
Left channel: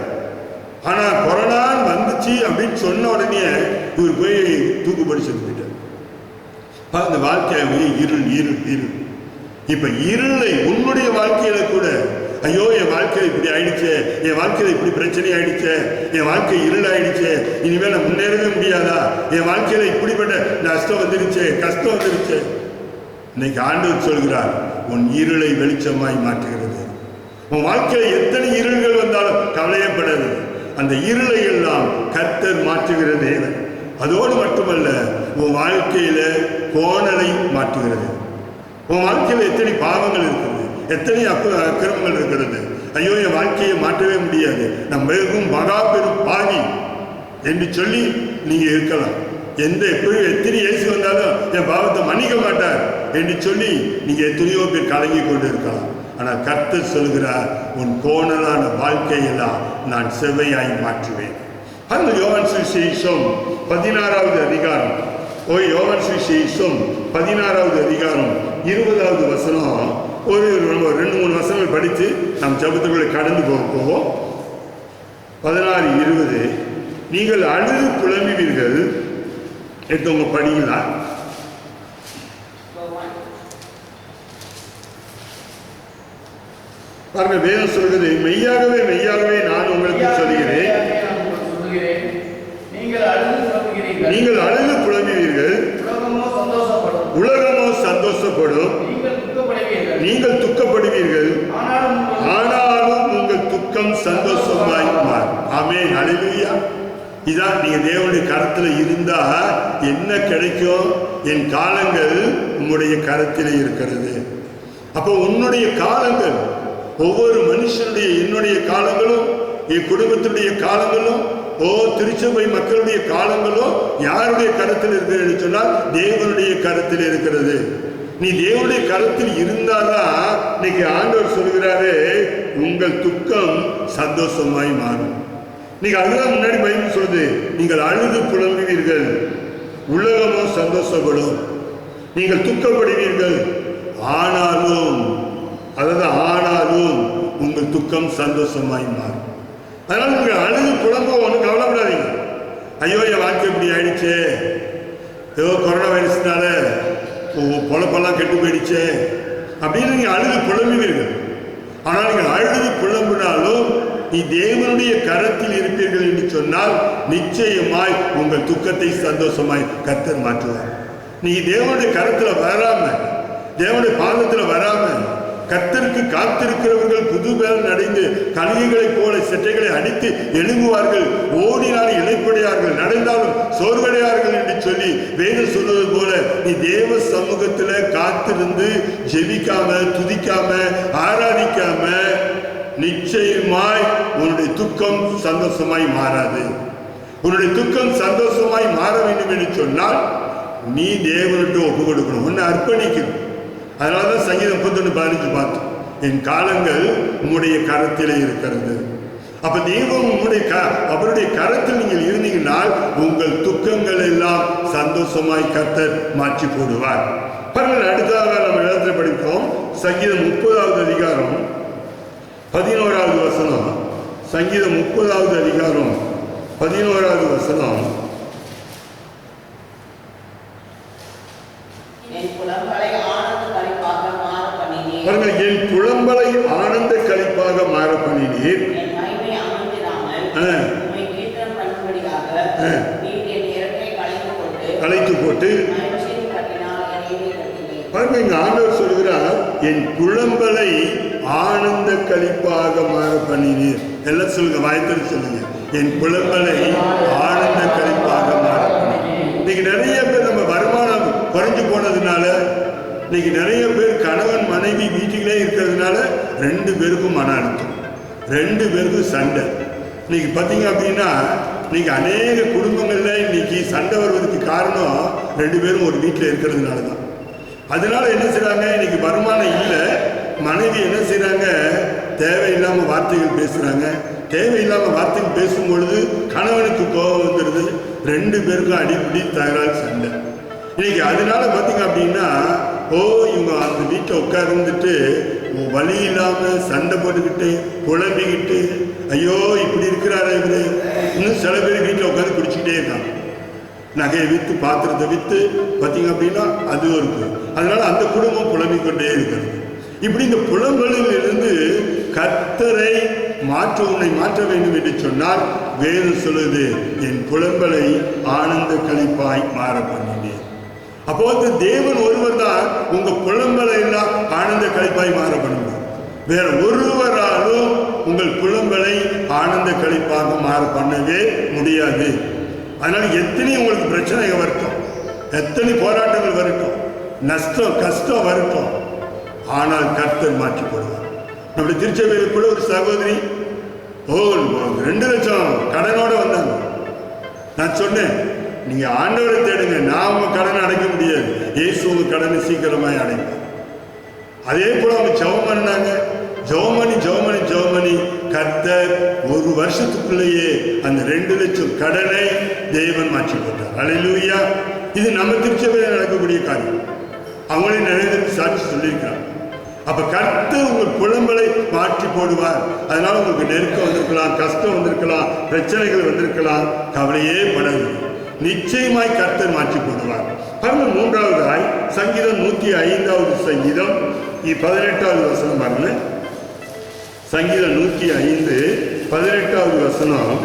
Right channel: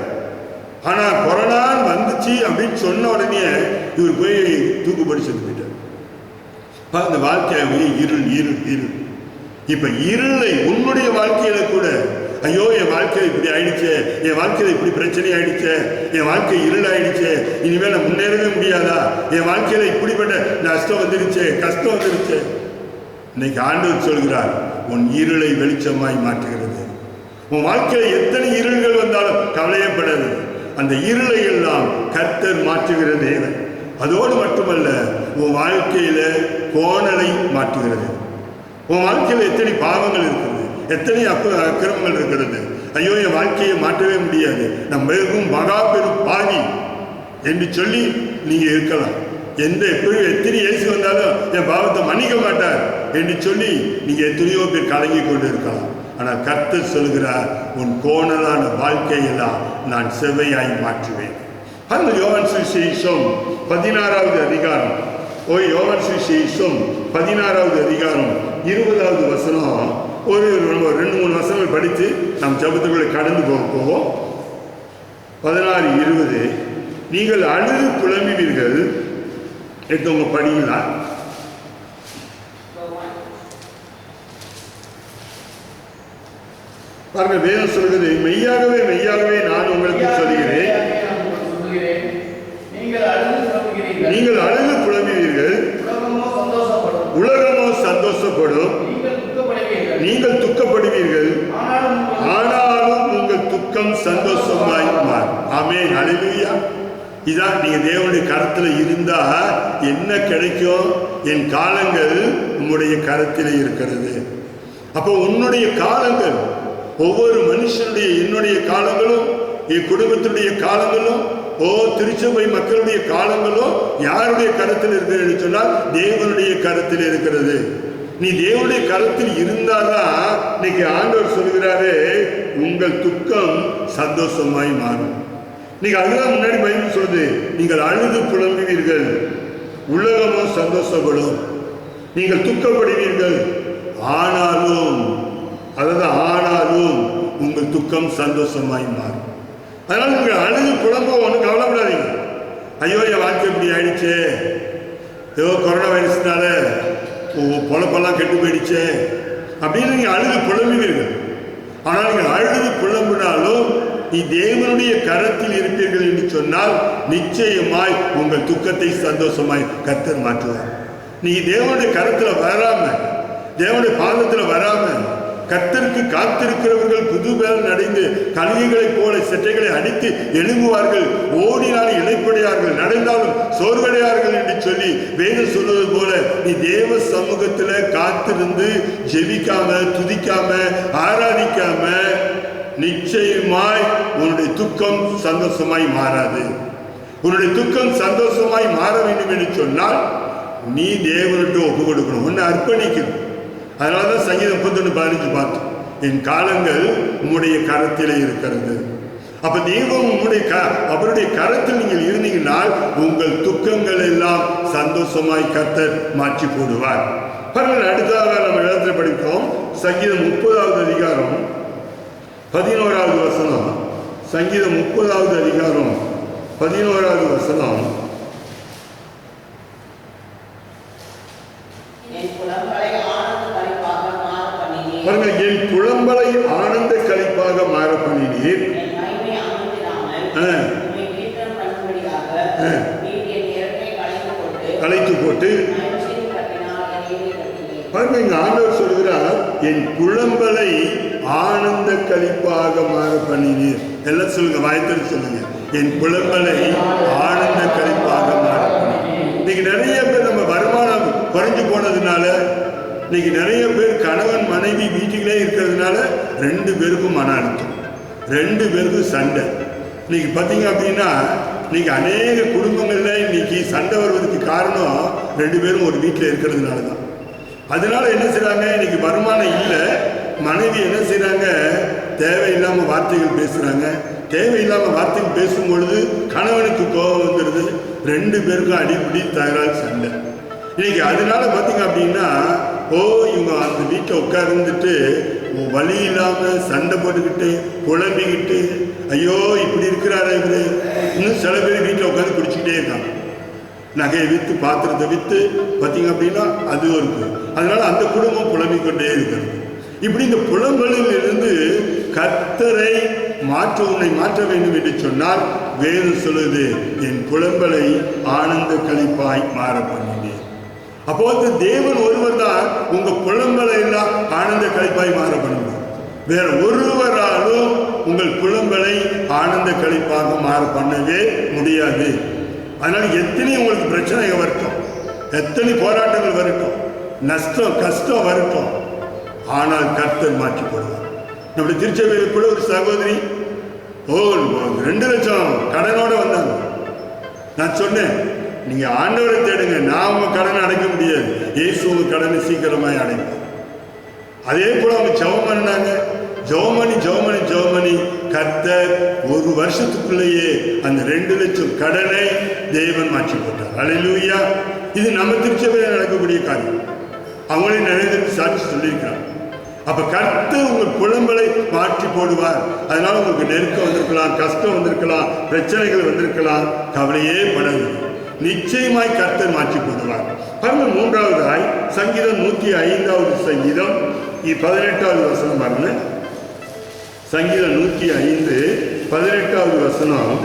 ஆனா கொரோனா வந்துச்சு அப்படின்னு சொன்ன உடனே இவர் போய் தூக்குப்படி செத்து போயிட்டார். அந்த வாழ்க்கை இருள் இருள் இருள். இப்ப இருளை உன்னுடைய வாழ்க்கையில கூட, ஐயோ என் வாழ்க்கையில் இப்படி ஆயிடுச்சு, என் வாழ்க்கையில இப்படி பிரச்சனை ஆயிடுச்சு, என் வாழ்க்கை இருள் ஆயிடுச்சு, இனிமேல் நான் முன்னேறவே முடியாதா, என் வாழ்க்கையில இப்படிப்பட்ட நஷ்டம் வந்துருச்சு, கஷ்டம் வந்துருச்சு. இன்னைக்கு ஆண்டவர் சொல்கிறார், உன் இருளை வெளிச்சமாய் மாற்றுகிறது. உன் வாழ்க்கையில எத்தனை இருள்கள் வந்தாலும் கவலையப்படாது. அந்த இருளை எல்லாம் கர்த்தர் மாற்றுகிற தேவன். அதோடு மட்டுமல்ல, உன் வாழ்க்கையில கோணலை மாற்றுகிறது. உன் வாழ்க்கையில் எத்தனை பாவங்கள் இருக்கிறது, எத்தனை அக்கிரமங்கள் இருக்கிறது. ஐயோ என் வாழ்க்கையை மாற்றவே முடியாது, நான் மிகவும் மகா பெரும் பாவி என்று சொல்லி நீங்க இருக்கலாம். எத்தனை இயேசு வந்தாலும் என் பாவத்தை மன்னிக்க மாட்டார் என்று சொல்லி நீங்க எத்தனையோ பேர் கலங்கி கொண்டு இருக்கலாம். ஆனால் கர்த்தர் சொல்கிறார், உன் கோணலான வாழ்க்கையெல்லாம் நான் செவ்வையாய் மாற்றுவேன். அந்த யோவான் சுவிசேஷம் 16வது அதிகாரம், யோவான் சுவிசேஷம் 16வது அதிகாரம் 20வது வசனம், ஒரு 2-3 வசனங்கள் படித்து நாம் ஜபத்துக்குள்ளே கடந்து போவோம். 16-20, நீங்கள் அழுது புலம்புவீர்கள். எடுத்தவங்க படிங்களா? பாருங்க, வேதம் சொல்கிறது, மெய்யாகவே மெய்யாகவே நான் உங்களுக்கு சொல்கிறேன், நீங்கள் அழுது புலம்புவீர்கள், உலகமோ சந்தோஷப்படும், நீங்கள் துக்கப்படுவீர்கள், ஆனாலும் உங்கள் துக்கம் சந்தோஷமாய் மாறும். ஆமென், ஹல்லேலூயா. இதான் நீங்க தேவனுடைய கரத்துல இருந்தா என்ன கிடைக்கும்? என் காலங்கள் உன்னுடைய கரத்தில் இருக்கிறது. அப்போ உன்னுடைய காலங்கள், ஒவ்வொரு மனுஷனுடைய, என்னுடைய காலங்களும், என் குடும்பத்தினுடைய காலங்களும், திருச்சபை மக்களுடைய காலங்களும் யாருடைய கருத்தில் இருக்கிறது சொன்னால் தேவனுடைய கருத்தில் இருக்கிறது. நீ தேவனுடைய கருத்தில் இருந்தாதான் இன்னைக்கு ஆண்டவர் சொல்கிறாரு, உங்கள் துக்கம் சந்தோஷமாய் மாறும். நீங்க அதுதான் முன்னாடி பைபிள் சொல்லுது, நீங்கள் அழுது புலம்புவீர்கள், உலகமோ சந்தோஷப்படும், நீங்கள் துக்கப்படுவீர்கள், ஆனாலும் உங்கள் துக்கம் சந்தோஷமாய் மாறும். அதனால நீங்கள் அழுது புலம்ப ஒன்றும் கவலைப்படாதீங்க. ஐயோ என் வாழ்க்கை இப்படி ஆயிடுச்சு, ஏதோ கொரோனா வைரஸ்னால பொழப்பெல்லாம் கெட்டு போயிடுச்சு அப்படின்னு நீங்கள் அழுது புலம்புவீர்கள். ஆனால் நீங்கள் அழுது புலம்பினாலும் நீ தேவனுடைய கரத்தில் இருப்பீர்கள் என்று சொன்னால் நிச்சயமாய் உங்கள் துக்கத்தை சந்தோஷமாய் கர்த்தர் மாற்றுவார். நீ தேவனுடைய கரத்தில் வராம, தேவனுடைய பாதத்தில் வராம, கர்த்தருக்கு காத்திருக்கிறவர்கள் புது பலன் அடைந்து கழுகுகளைப் போல செட்டைகளை அடித்து எழும்புவார்கள், ஓடினால் இளைப்படையார்கள், நடந்தாலும் சோர்வடையார்கள் என்று சொல்லி வேதம் சொல்வது போல நீ தேவ சமூகத்துல காத்திருந்து ஜெபிக்காம, துதிக்காம, ஆராதிக்காம நிச்சயமாய் உன்னுடைய துக்கம் சந்தோஷமாய் மாறாது. உன்னுடைய துக்கம் சந்தோஷமாய் மாற வேண்டும் என்று சொன்னால் நீ தேவனுக்கு ஒப்பு கொடுக்கணும், உன்னை அர்ப்பணிக்கணும். அதனாலதான் சங்கீதம் 31:15 பார்த்தோம், என் காலங்கள் உம்முடைய கரத்திலே இருக்கிறது. அப்ப தெய்வம் அவருடைய கரத்தில் நீங்கள் இருந்தீங்கன்னால் உங்கள் துக்கங்கள் எல்லாம் சந்தோஷமாய் கர்த்தர் மாற்றி போடுவார். பாருங்கள், அடுத்ததாக நம்ம இடத்துல படிப்போம் சங்கீதம் 30வது அதிகாரம் 11வது வசனம். சங்கீதம் 30வது அதிகாரம் 11வது வசனம். பாருங்கள், என் புலம்பலை ஆனந்த களிப்பாக மாற பண்ணினீர், களைத்து போட்டு. பாருங்க, இங்க ஆண்டவர் சொல்கிறார் என் புலம்பலை ஆனந்த களிப்பாக மாற பண்ணினீர். எல்லாம் சொல்லுங்க, வாய்த்தல் சொல்லுங்க, என் புலம்பலை ஆனந்த களிப்பாக மாற பண்ணினீர். இன்னைக்கு நிறைய பேர் நம்ம வருமானம் குறைஞ்சு போனதுனால, இன்னைக்கு நிறைய பேர் கணவன் மனைவி வீட்டிலே இருக்கிறதுனால 2 பேருக்கும் மன அழுத்தம், 2 பேருக்கும் சண்டை. இன்னைக்கு பார்த்தீங்க அப்படின்னா இன்னைக்கு அநேக குடும்பங்கள்ல இன்னைக்கு சண்டை வருவதற்கு காரணம் 2 பேரும் ஒரு வீட்டில் இருக்கிறதுனால தான். அதனால என்ன செய்றாங்க, இன்னைக்கு வருமானம் இல்லை, மனைவி என்ன செய்றாங்க, தேவையில்லாம வார்த்தைகள் பேசுறாங்க. தேவையில்லாம வார்த்தைகள் பேசும் பொழுது கணவனுக்கு கோபம் வந்துடுது, 2 பேருக்கும் அடிப்படி தகராறு சண்டை. இன்னைக்கு அதனால பார்த்தீங்க அப்படின்னா இவங்க அந்த வீட்டில் உட்கார்ந்துட்டு வழி இல்லாம சண்டை போட்டுக்கிட்டு புலம்பிக்கிட்டு, ஐயோ இப்படி இருக்கிறாரா இவரு. இன்னும் சில பேர் வீட்டில் உட்காந்து குடிச்சுக்கிட்டே இருக்காங்க, நகையை விற்று பாத்திரத்தை விற்று பார்த்தீங்க அப்படின்னா அது இருக்கு. அதனால அந்த குடும்பம் புலம்பிக்கொண்டே இருக்கிறது. இப்படி இந்த புலம்பலில் இருந்து கர்த்தரை உன்னை மாற்ற வேண்டும் என்று சொன்னால் வேதம் சொல்லுது என் புலம்பலை ஆனந்த களிப்பாய் மாற பண்ணினேன். அப்போ தேவன் ஒருவர் தான் உங்க புலம்பலை எல்லாம் ஆனந்த களிப்பாய் மாற பண்ணுங்க. வேற ஒருவராலும் உங்கள் புலம்பலை ஆனந்த களிப்பாக மாற பண்ணவே முடியாது. அதனால எத்தனை உங்களுக்கு பிரச்சனை வரட்டும், எத்தனை போராட்டங்கள் வரட்டும், நஷ்டம் கஷ்டம் வரட்டும், ஆனால் கர்த்தர் மாற்றி போடுவார். நம்முடைய திருச்சபையில் கூட ஒரு சகோதரி 2 லட்சம் கடனோட வந்தாங்க. நான் சொன்னேன், நீங்க ஆண்டவரை தேடுங்க, நான் உங்க கடனை அடைக்க முடியாது, இயேசு உங்க கடனை சீக்கிரமாய் அடைப்பார். அதே போல அவங்க ஜெபம் பண்ணாங்க, ஜெபமணி கர்த்தர் 1 வருஷத்துக்குள்ளேயே அந்த 2 லட்சம் கடனை தேவன் மாற்றி போட்டார். அல்லேலூயா. இது நம்ம திருச்சபையில் நடக்கக்கூடிய காரியம். அவங்களே நிறைய சாட்சி சொல்லியிருக்கிறாங்க. அப்ப கர்த்தர் உங்கள் புலம்பலை மாற்றி போடுவார். அதனால உங்களுக்கு நெருக்கம் வந்திருக்கலாம், கஷ்டம் வந்திருக்கலாம், பிரச்சனைகள் வந்திருக்கலாம், கவலையே படாது, நிச்சயமாய் கர்த்தர் மாற்றி போடுவார். பாருங்க, 3வதாய் சங்கீதம் 105வது சங்கீதம் 18வது வசனம் பாருங்க. சங்கீதம் 105 18வது வசனம்.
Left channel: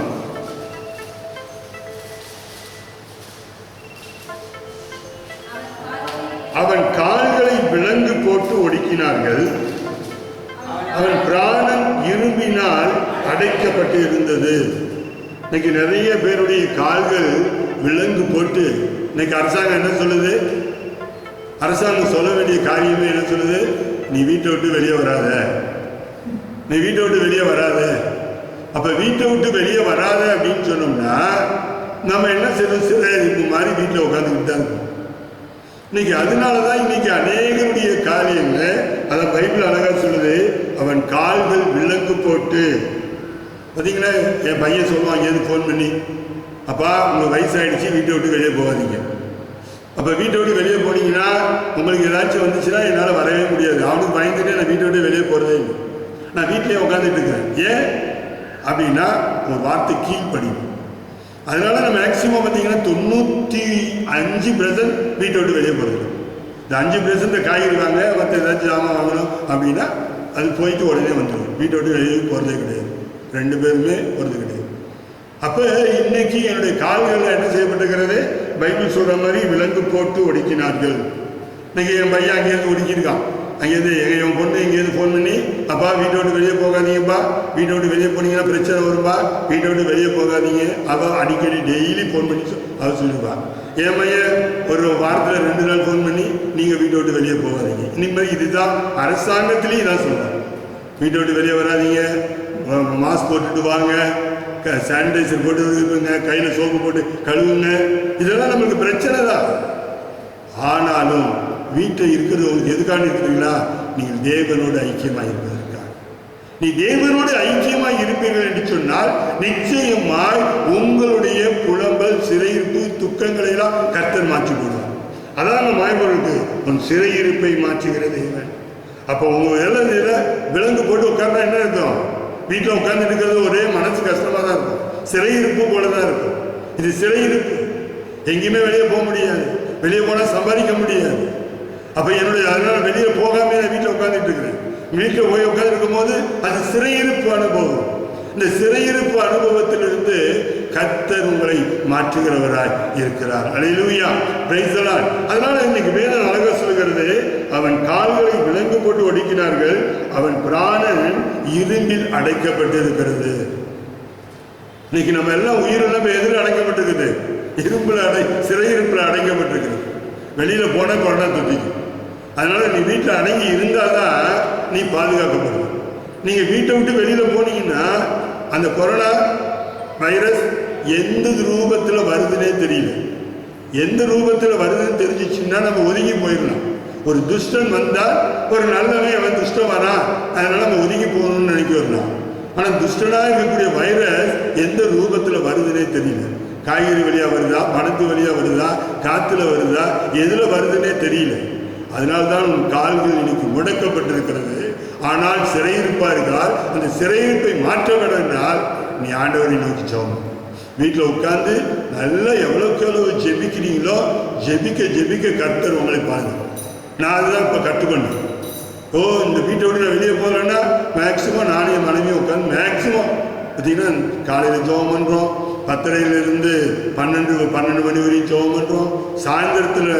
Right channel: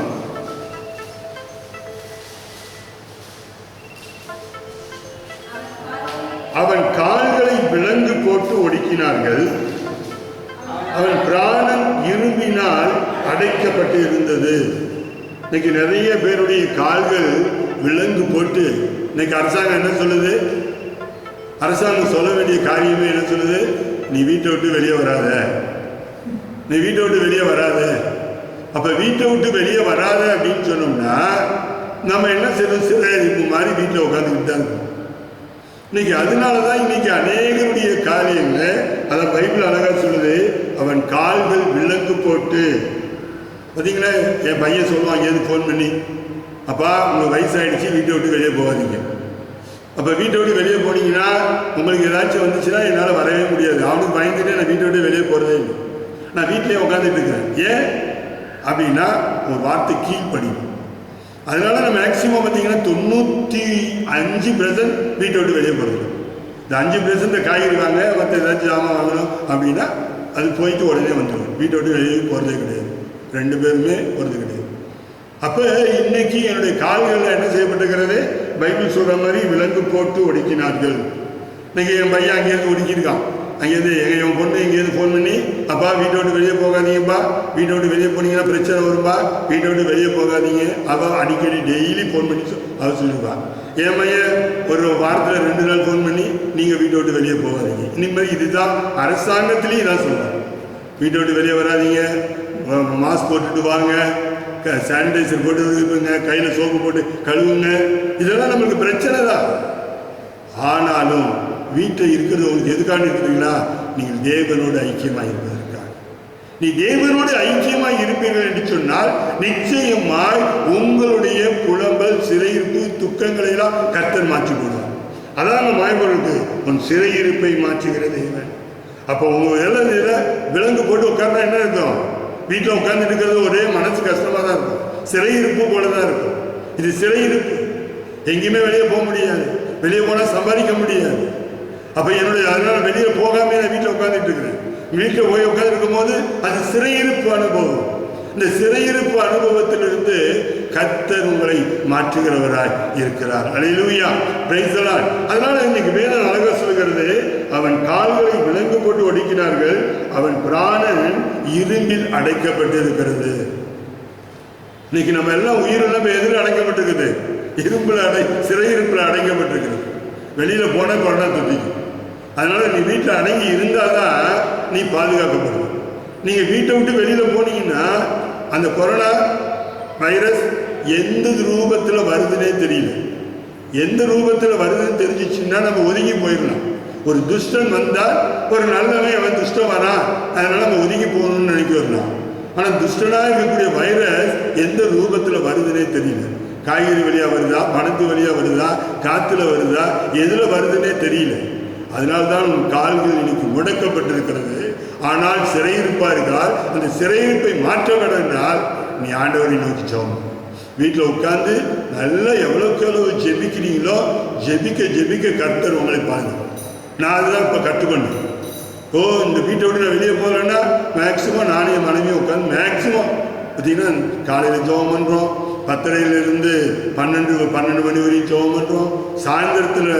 அவன் கால்களை விலங்கு போட்டு ஒடுக்கினார்கள், அவன் பிராணன் இரும்பினால் அடைக்கப்பட்டு இருந்தது. இன்னைக்கு நிறைய பேருடைய கால்கள் விலங்கு போட்டு, இன்னைக்கு அரசாங்கம் என்ன சொல்லுது, அரசாங்கம் சொல்ல வேண்டிய காரியமே என்ன சொல்லுது, நீ வீட்டை விட்டு வெளியே வராத, நீ வீட்டை விட்டு வெளியே வராத. அப்ப வீட்டை விட்டு வெளியே வராத அப்படின்னு சொன்னோம்னா நம்ம என்ன செய்யணும், சில மாதிரி வீட்டில் உட்காந்துக்கிட்டு தான் இருக்கோம். இன்னைக்கு அதனாலதான் இன்னைக்கு அநேகருடைய காரியங்கள், அதை பைபிள் அழகா சொல்லுது, அவன் கால்கள் விலங்கு போட்டு. பார்த்தீங்களா, என் பையன் சொல்லுவான் எது ஃபோன் பண்ணி, அப்பா உங்களுக்கு வயசாகிடுச்சு, வீட்டை விட்டு வெளியே போகாதீங்க. அப்போ வீட்டை விட்டு வெளியே போனீங்கன்னா உங்களுக்கு ஏதாச்சும் வந்துச்சுன்னா என்னால் வரவே முடியாது. அவனுக்கு பயந்துட்டு நான் வீட்டை விட்டு வெளியே போகிறதே இல்லை, நான் வீட்டிலே உட்காந்துட்டு இருக்கிறேன். ஏன் அப்படின்னா ஒரு வார்த்தை கீழ்ப்படியும். அதனால நம்ம மேக்சிமம் பார்த்தீங்கன்னா 95% வீட்டை விட்டு வெளியே போகிறது. இந்த 5% காய்கறி வாங்க, மற்ற ஏதாச்சும் ஜாமான் வாங்கணும் அப்படின்னா அது போயிட்டு உடனே வந்துடும். வீட்டை விட்டு வெளியே போகிறதே கிடையாது, 2 பேருமே போகிறது கிடையாது. அப்போ இன்னைக்கு என்னுடைய கால்களில் என்ன செய்யப்பட்டிருக்கிறது, பைபிள் சொல்கிற மாதிரி விலங்கு போட்டு ஒடுக்கினார்கள். இன்னைக்கு என் பையன் அங்கேயிருந்து ஒடுக்கியிருக்கான், அங்கேருந்து என் பொண்ணு இங்கேருந்து ஃபோன் பண்ணி, அப்பா வீட்டை விட்டு வெளியே போகாதீங்கப்பா, வீட்டை விட்டு வெளியே போனீங்கன்னா பிரச்சனை வரும்பா, வீட்டை விட்டு வெளியே போகாதீங்க. அவள் அடிக்கடி டெய்லி ஃபோன் பண்ணி அவள் சொல்லிடுவா. என் மையன் ஒரு வாரத்தில் 2 நாள் ஃபோன் பண்ணி, நீங்கள் வீட்டை விட்டு வெளியே போகாதீங்க. இனிமேல் இதுதான் அரசாங்கத்திலையும் இதான் சொல்லுவாங்க, வீட்டை விட்டு வெளியே வராதீங்க, மாஸ்க் போட்டுட்டு வாங்க, சானிடைசர் போட்டு இருப்பீங்க, கையில் சோப்பு போட்டு கழுவுங்க. இதெல்லாம் நம்மளுக்கு பிரச்சனை தான். ஆனாலும் வீட்டில் இருக்கிறது உங்களுக்கு எதுக்காக இருக்கிறீங்களா? நீங்கள் தேவனோடு ஐக்கியமாக இருப்பதற்காக. நீ தேவனோடு ஐக்கியமாக இருப்பீர்கள் என்று சொன்னால் நிச்சயமாய் உங்களுடைய புலம்பல், சிறையிருப்பு, துக்கங்களை எல்லாம் கர்த்தர் மாற்றி போடுவார். அதான் மாயவர்களுக்கு உன் சிறையிருப்பை மாற்றுகிற தேவன். அப்போ உங்க இதில் விலங்கு போட்டு உட்கார்ந்தா என்ன இருக்கும்? வீட்டில் உட்கார்ந்து இருக்கிறது ஒரே மனசு கஷ்டமாக தான் இருக்கும், சிறையிருப்பு போல தான் இருக்கும். இது சிறையிருப்பு, எங்கேயுமே வெளியே போக முடியாது, வெளியே போனால் சம்பாதிக்க முடியாது. அப்போ அதனால வெளியே போகாம நான் வீட்டில் உட்காந்துட்டு இருக்கிறேன். வீட்டில் போய் உட்காந்துருக்கும் போது அது சிறையிருப்பு அனுபவம். இந்த சிறையிருப்பு அனுபவத்திலிருந்து கர்த்தர் உங்களை மாற்றுகிறவராய் இருக்கிறார். அல்லேலூயா, பிரைஸ் தி லார்ட். அதனால இன்னைக்கு வேதம் அழகா சொல்கிறது, அவன் கால்களை விலங்கு போட்டு ஒடுக்கினார்கள், அவன் பிராணன் இரும்பில் அடைக்கப்பட்டிருக்கிறது. இன்னைக்கு நம்ம எல்லாம் உயிரெல்லாம் எதிர அடைக்கப்பட்டிருக்குது, சிறையிருப்பில் அடைக்கப்பட்டிருக்கிறது. வெளியில போன கொரோனா தொட்டிக்கும். அதனால நீ வீட்டில் அடங்கி இருந்தாதான் நீ பாதுகாக்கப்படுவ. நீங்க வீட்டை விட்டு வெளியில போனீங்கன்னா அந்த கொரோனா வைரஸ் எந்த ரூபத்தில் வருதுன்னே தெரியல. எந்த ரூபத்தில் வருதுன்னு தெரிஞ்சிச்சுன்னா நம்ம ஒதுங்கி போயிடலாம். ஒரு துஷ்டன் வந்தால் ஒரு நல்லவன் அவன் துஷ்டம் வரான், அதனால நம்ம ஒதுங்கி போகணும்னு நினைக்க வரலாம். ஆனால் துஷ்டனாக இருக்கக்கூடிய வைரஸ் எந்த ரூபத்தில் வருதுன்னே தெரியல. காய்கறி வழியாக வருதா, பணத்து வழியாக வருதா, காற்றுல வருதா, எதில் வருதுன்னே தெரியல. அதனால்தான் உன் கால்கள் இன்னைக்கு முடக்கப்பட்டிருக்கிறது. ஆனால் சிறையிருப்பார்கள். அந்த சிறையிருப்பை மாற்ற வேண்டும் என்றால் நீ ஆண்டவரை நோக்கி ஜெபம். வீட்டில் உட்கார்ந்து நல்லா எவ்வளோக்கு எவ்வளவு ஜெபிக்கிறீங்களோ ஜெபிக்க கர்த்தர் உங்களை பாருங்க. நான் அதுதான் இப்போ கற்றுக்கொண்டேன். இந்த வீட்டை விட்டு நான் வெளியே போகலன்னா மேக்சிமம் நானே மனைவியும் உட்காந்து மேக்சிமம் பார்த்தீங்கன்னா காலையில் ஜெபம் பண்ணுறோம், 10:30 12 மணி வரையும் ஜெபம் பண்ணுறோம், சாயந்தரத்தில்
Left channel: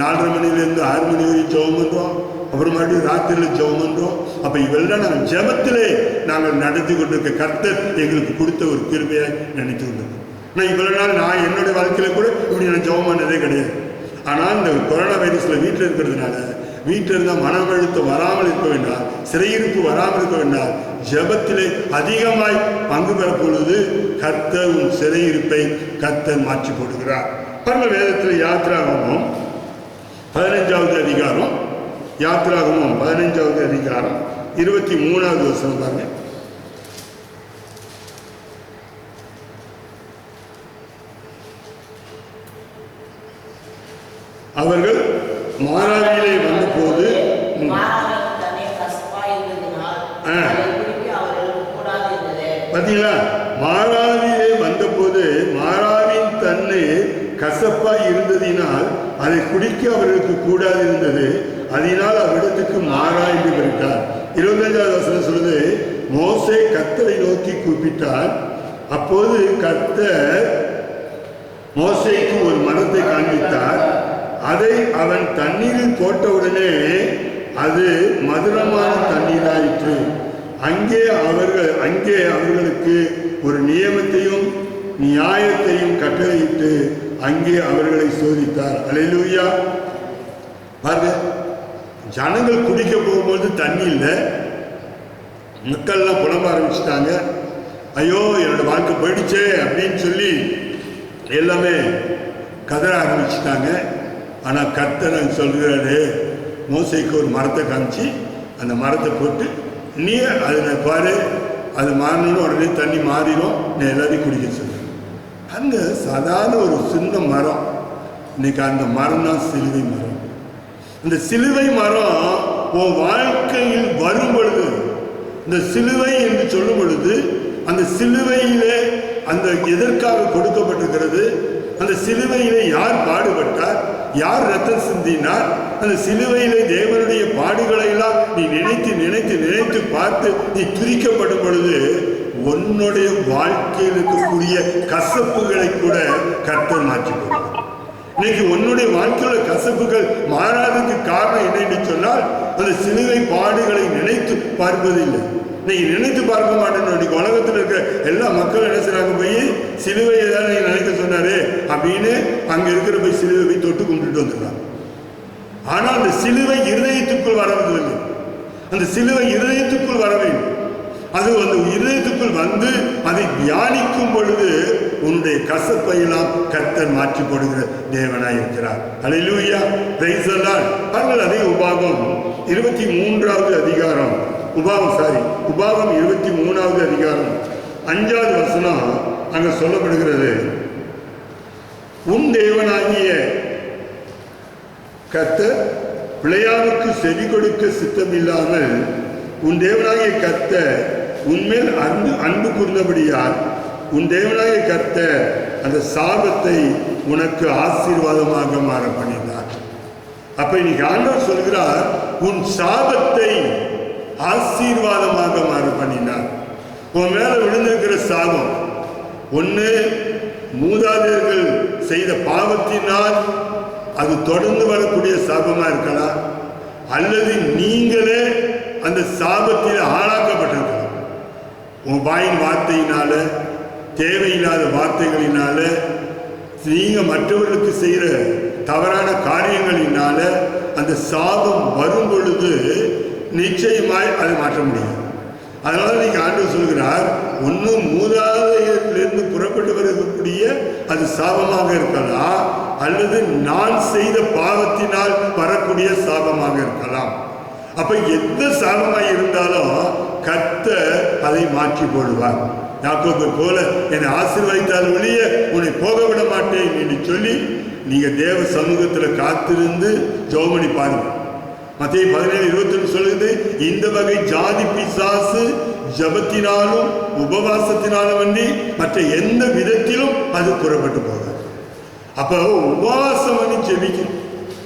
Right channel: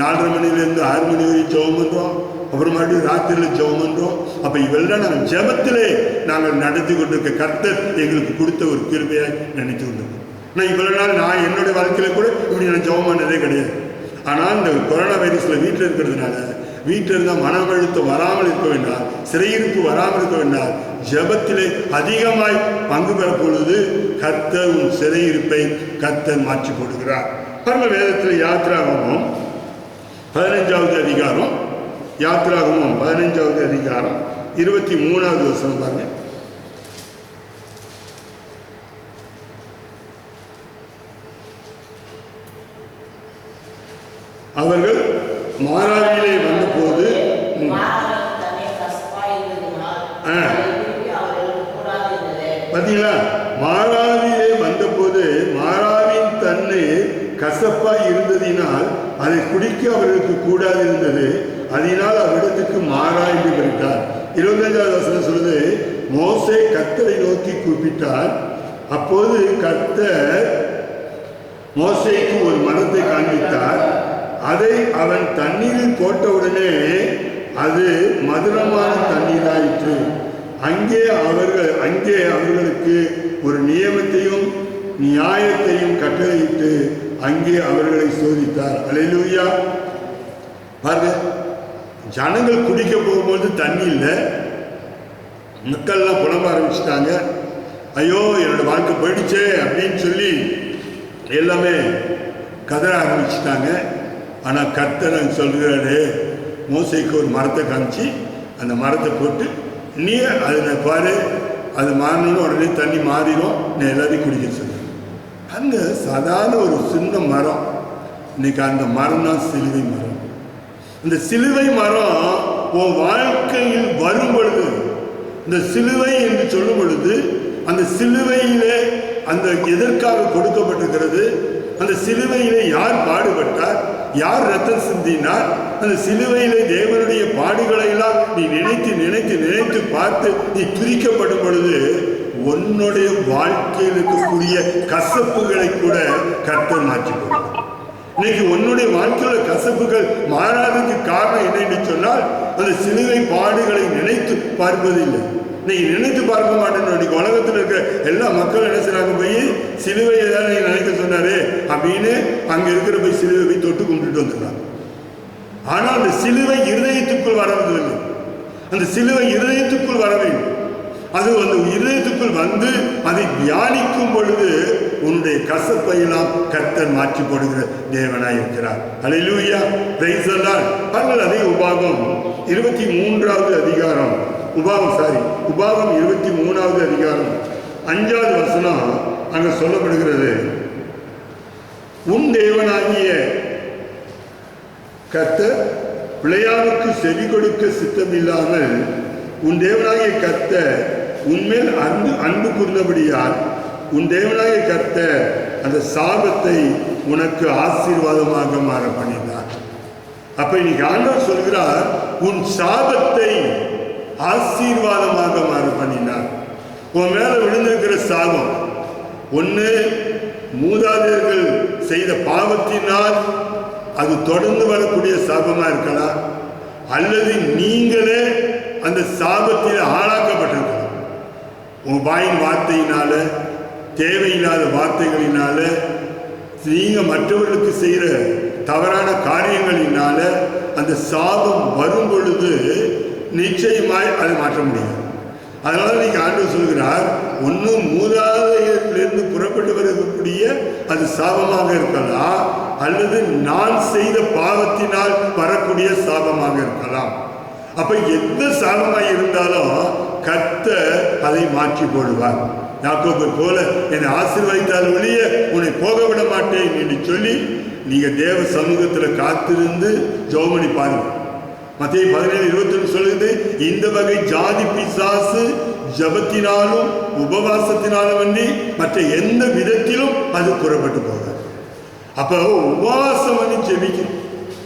4:30 மணிலேருந்து 6 மணி வரையும் ஜெபம் பண்ணுறோம், அப்புறம் மறுபடியும் ராத்திரியில் ஜெபம் பண்ணுறோம். அப்போ இவெல்லாம் நாங்கள் ஜெபத்திலே நாங்கள் நடத்தி கொண்டிருக்க கர்த்தர் எங்களுக்கு கொடுத்த ஒரு கிருபையை நினைத்து கொண்டிருக்கோம். நான் இவ்வளோ நாள் நான் என்னுடைய வாழ்க்கையில் கூட இப்படி நான் ஜெபம் பண்ணதே கிடையாது. ஆனால் இந்த கொரோனா வைரஸில் வீட்டில் இருக்கிறதுனால வீட்டில் இருந்தால் மன அழுத்தம் வராமல் இருக்க வேண்டாம், சிறையிருப்பு வராமல் இருக்க வேண்டாம், ஜெபத்திலே அதிகமாய் பங்கு பெற பொழுது கர்த்தர் உன் சிறையிருப்பை கர்த்தர் மாற்றி போடுகிறார். பரம வேதத்தில் யாத்திராகமம் 15வது அதிகாரம், யாத்திராகமம் 15வது அதிகாரம் 23வது வசனம் பாருங்க. அவர்கள் மாராவியிலே வந்தபோது பார்த்தீங்களா, மாராவியிலே வந்தபோது மாராவின் தன்னை கசப்பாய் இருந்ததினால் அதை குடிக்க அவர்களுக்கு கூடாது இருந்தது. அதனால் அவ்விடத்துக்கு மாறா என்று பெற்றார். 25வது வசனம் சொல்லுது, மோசே கர்த்தரை நோக்கி கூப்பிட்டார். அப்போது கர்த்தர் மோசேக்கு ஒரு மரத்தை காண்பித்தார். அதை அவன் தண்ணீரில் போட்டவுடனே அது மதுரமான தண்ணீராயிற்று. அங்கே அவர்களுக்கு ஒரு நியமத்தையும் நியாயத்தையும் கட்டளையிட்டு அங்கே அவர்களை சோதித்தார். அல்லேலூயா. பாருங்க, ஜனங்கள் குடிக்க போகும்போது தண்ணி இல்லை, மக்கள்லாம் புலம்ப ஆரம்பிச்சிட்டாங்க. ஐயோ என்னோட வாழ்க்கை போயிடுச்சே அப்படின்னு சொல்லி எல்லாமே கதற ஆரம்பிச்சிட்டாங்க. ஆனால் கர்த்தர் சொல்கிறாரு, மோசேக்கு ஒரு மரத்தை காமிச்சு அந்த மரத்தை போட்டு நீ அதில் பாரு, அது மாறணும்னு உடனே தண்ணி மாறிடும், நீ எல்லாரையும் குடிக்க சொல்லு. அங்கே சாதாரண ஒரு சின்ன மரம், இன்னைக்கு அந்த மரம் தான் சிலுவை மரம். இந்த சிலுவை மரம் உன் வாழ்க்கையில் வரும் பொழுது, இந்த சிலுவை என்று சொல்லும் பொழுது அந்த சிலுவையிலே அந்த எதற்காக கொடுக்கப்பட்டிருக்கிறது, அந்த சிலுவையிலே யார் பாடுபட்டார், யார் ரத்தம் சிந்தினார், அந்த சிலுவையிலே தேவனுடைய பாடுகளை எல்லாம் நீ நினைத்து நினைத்து நினைத்து பார்த்து நீ துதிக்கப்படும் பொழுது உன்னுடைய வாழ்க்கையில் இருக்கக்கூடிய கசப்புகளை கூட கர்த்தர் மாற்றி போடுவார். இன்னைக்கு உன்னுடைய வாழ்க்கையோட கசப்புகள் மாறாததுக்கு காரணம் என்னன்னு சொன்னால் அந்த சிலுவை பாடுகளை நினைத்து பார்ப்பதில்லை. இன்னைக்கு நினைத்து பார்க்க மாட்டேன்னு இன்னைக்கு உலகத்தில் இருக்கிற எல்லா மக்களும் என்ன செய்றாங்க, போய் சிலுவையை தான் நீங்க நினைக்க சொன்னாரு அப்படின்னு அங்க இருக்கிற போய் சிலுவை போய் தொட்டு கும்பிட்டுட்டு வந்துடுறாங்க. ஆனால் அந்த சிலுவை இருதயத்துக்குள் வரவில்லை. அந்த சிலுவை இருதயத்துக்குள் வர வேண்டும். அது அந்த இருதயத்துக்குள் வந்து அதை தியானிக்கும் பொழுது உன்னுடைய கசப்பையெல்லாம் கர்த்தர் மாற்றி போடுகிற தேவனாய் இருக்கிறார். அல்லேலூயா, பிரைஸ் தி லார்ட். பாருங்கள், அதே உபாகம் 23வது அதிகாரம், உபாகம் 23வது அதிகாரம் 5வது வசனம் அங்க சொல்லப்படுகிறது. உன் தேவனாகிய கர்த்தர் பிள்ளையானுக்கு செவி கொடுக்க சித்தமில்லாமல் உன் தேவனாகிய கர்த்தர் உன்மேல் அன்பு கூர்ந்தபடியால் உன் தேவனாகிய கர்த்தர் அந்த சாபத்தை உனக்கு ஆசீர்வாதமாக மாற பண்ணினார். அப்ப இன்னைக்கு ஆண்டவர் சொல்கிறார், உன் சாபத்தை ஆசீர்வாதமாக மாற பண்ணினார். உன் மேல விழுந்திருக்கிற சாபம் ஒன்று மூதாதையர்கள் செய்த பாவத்தினால் அது தொடர்ந்து வரக்கூடிய சாபமா இருக்கலாம், அல்லது நீங்களே அந்த சாபத்தில் ஆளாக்கப்பட்டிருக்கலாம். உன் வாயின் வார்த்தையினால, தேவையில்லாத வார்த்தைகளினால, நீங்க மற்றவர்களுக்கு செய்கிற தவறான காரியங்களினால அந்த சாபம் வரும் பொழுது நிச்சயமாய் அதை மாற்ற முடியாது. அதனால நீங்க ஆண்டவர் சொல்கிறார், ஒன்னும் மூதாதையரிலிருந்து புறப்பட்டு வரக்கூடிய அது சாபமாக இருக்கலாம், அல்லது நான் செய்த பாவத்தினால் வரக்கூடிய சாபமாக இருக்கலாம். அப்ப எந்த சாபமாய் இருந்தாலும் கர்த்தர் அதை மாற்றி போடுவார். யாக்கோபை போல என்னை ஆசீர்வதித்தால் ஒழிய உன்னை போக விட மாட்டேன் என்று சொல்லி நீங்க தேவ சமூகத்தில் காத்திருந்து ஜெபம் பண்ணி பாருங்க. மத்தேயு 17:21 சொல்லுது, இந்த வகை ஜாதி பிசாசு ஜபத்தினாலும் உபவாசத்தினாலும் வந்து மற்ற எந்த விதத்திலும் அது புறப்பட்டு போகாது. அப்ப உபவாசம் பண்ணி ஜெபிக்கணும்.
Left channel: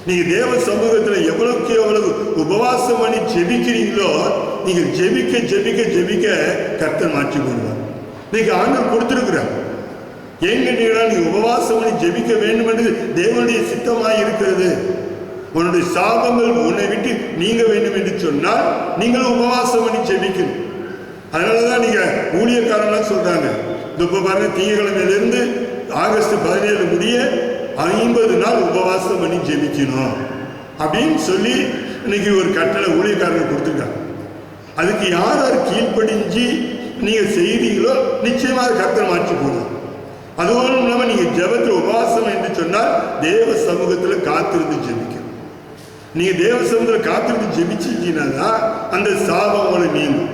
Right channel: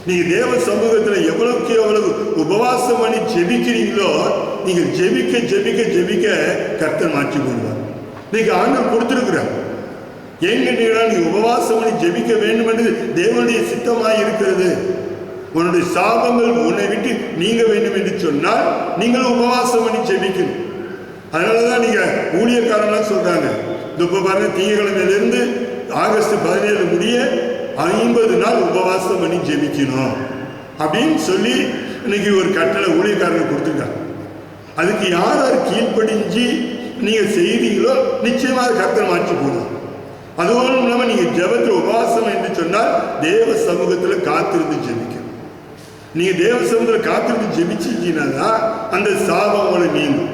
நீங்க தேவ சமூகத்தில் எவ்வளவுக்கு எவ்வளவு உபவாசம் பண்ணி ஜெபிக்கிறீங்களோ, நீங்க ஜெபிக்க ஜெபிக்க ஜெபிக்க கர்த்தர் மாற்றி போடுவார். நீங்க ஆண்டவர் கொடுத்திருக்கிறார். ஏன் கேட்டீங்கன்னா, நீ உபவாசம் பண்ணி ஜெபிக்க வேண்டும் என்று தேவனுடைய சித்தமாய் இருக்கிறது. உன்னுடைய சாபங்கள் உன்னை விட்டு நீங்க வேண்டும் என்று சொன்னால் நீங்களும் உபவாசம் பண்ணி ஜெபிக்கணும். அதனாலதான் நீங்க ஊழியக்காரங்களாம் சொல்றாங்க, இப்ப பாருங்க, திங்கட்கிழமையிலிருந்து ஆகஸ்ட் 17 முடிய 50 நாள் உபவாசம் பண்ணி ஜெபிக்கணும் அப்படின்னு சொல்லி இன்னைக்கு ஒரு கட்டளை ஊழியக்காரங்க கொடுத்துருக்காங்க. அதுக்கு யார் யார் கீழ்ப்படிஞ்சு நீங்க செய்வீங்களோ நிச்சயமாக கர்த்தர் மாற்றி போடுவோம். அதுவும் இல்லாமல் நீங்க ஜெபத்தில் உபவாசம் என்று சொன்னால் தேவ சமூகத்தில் காத்திருந்து ஜெபிக்கணும். நீங்க தேவ சமூகத்தில் காத்திருந்து ஜெபிச்சிங்கன்னா அந்த சாபம் உங்களை நீங்கும்.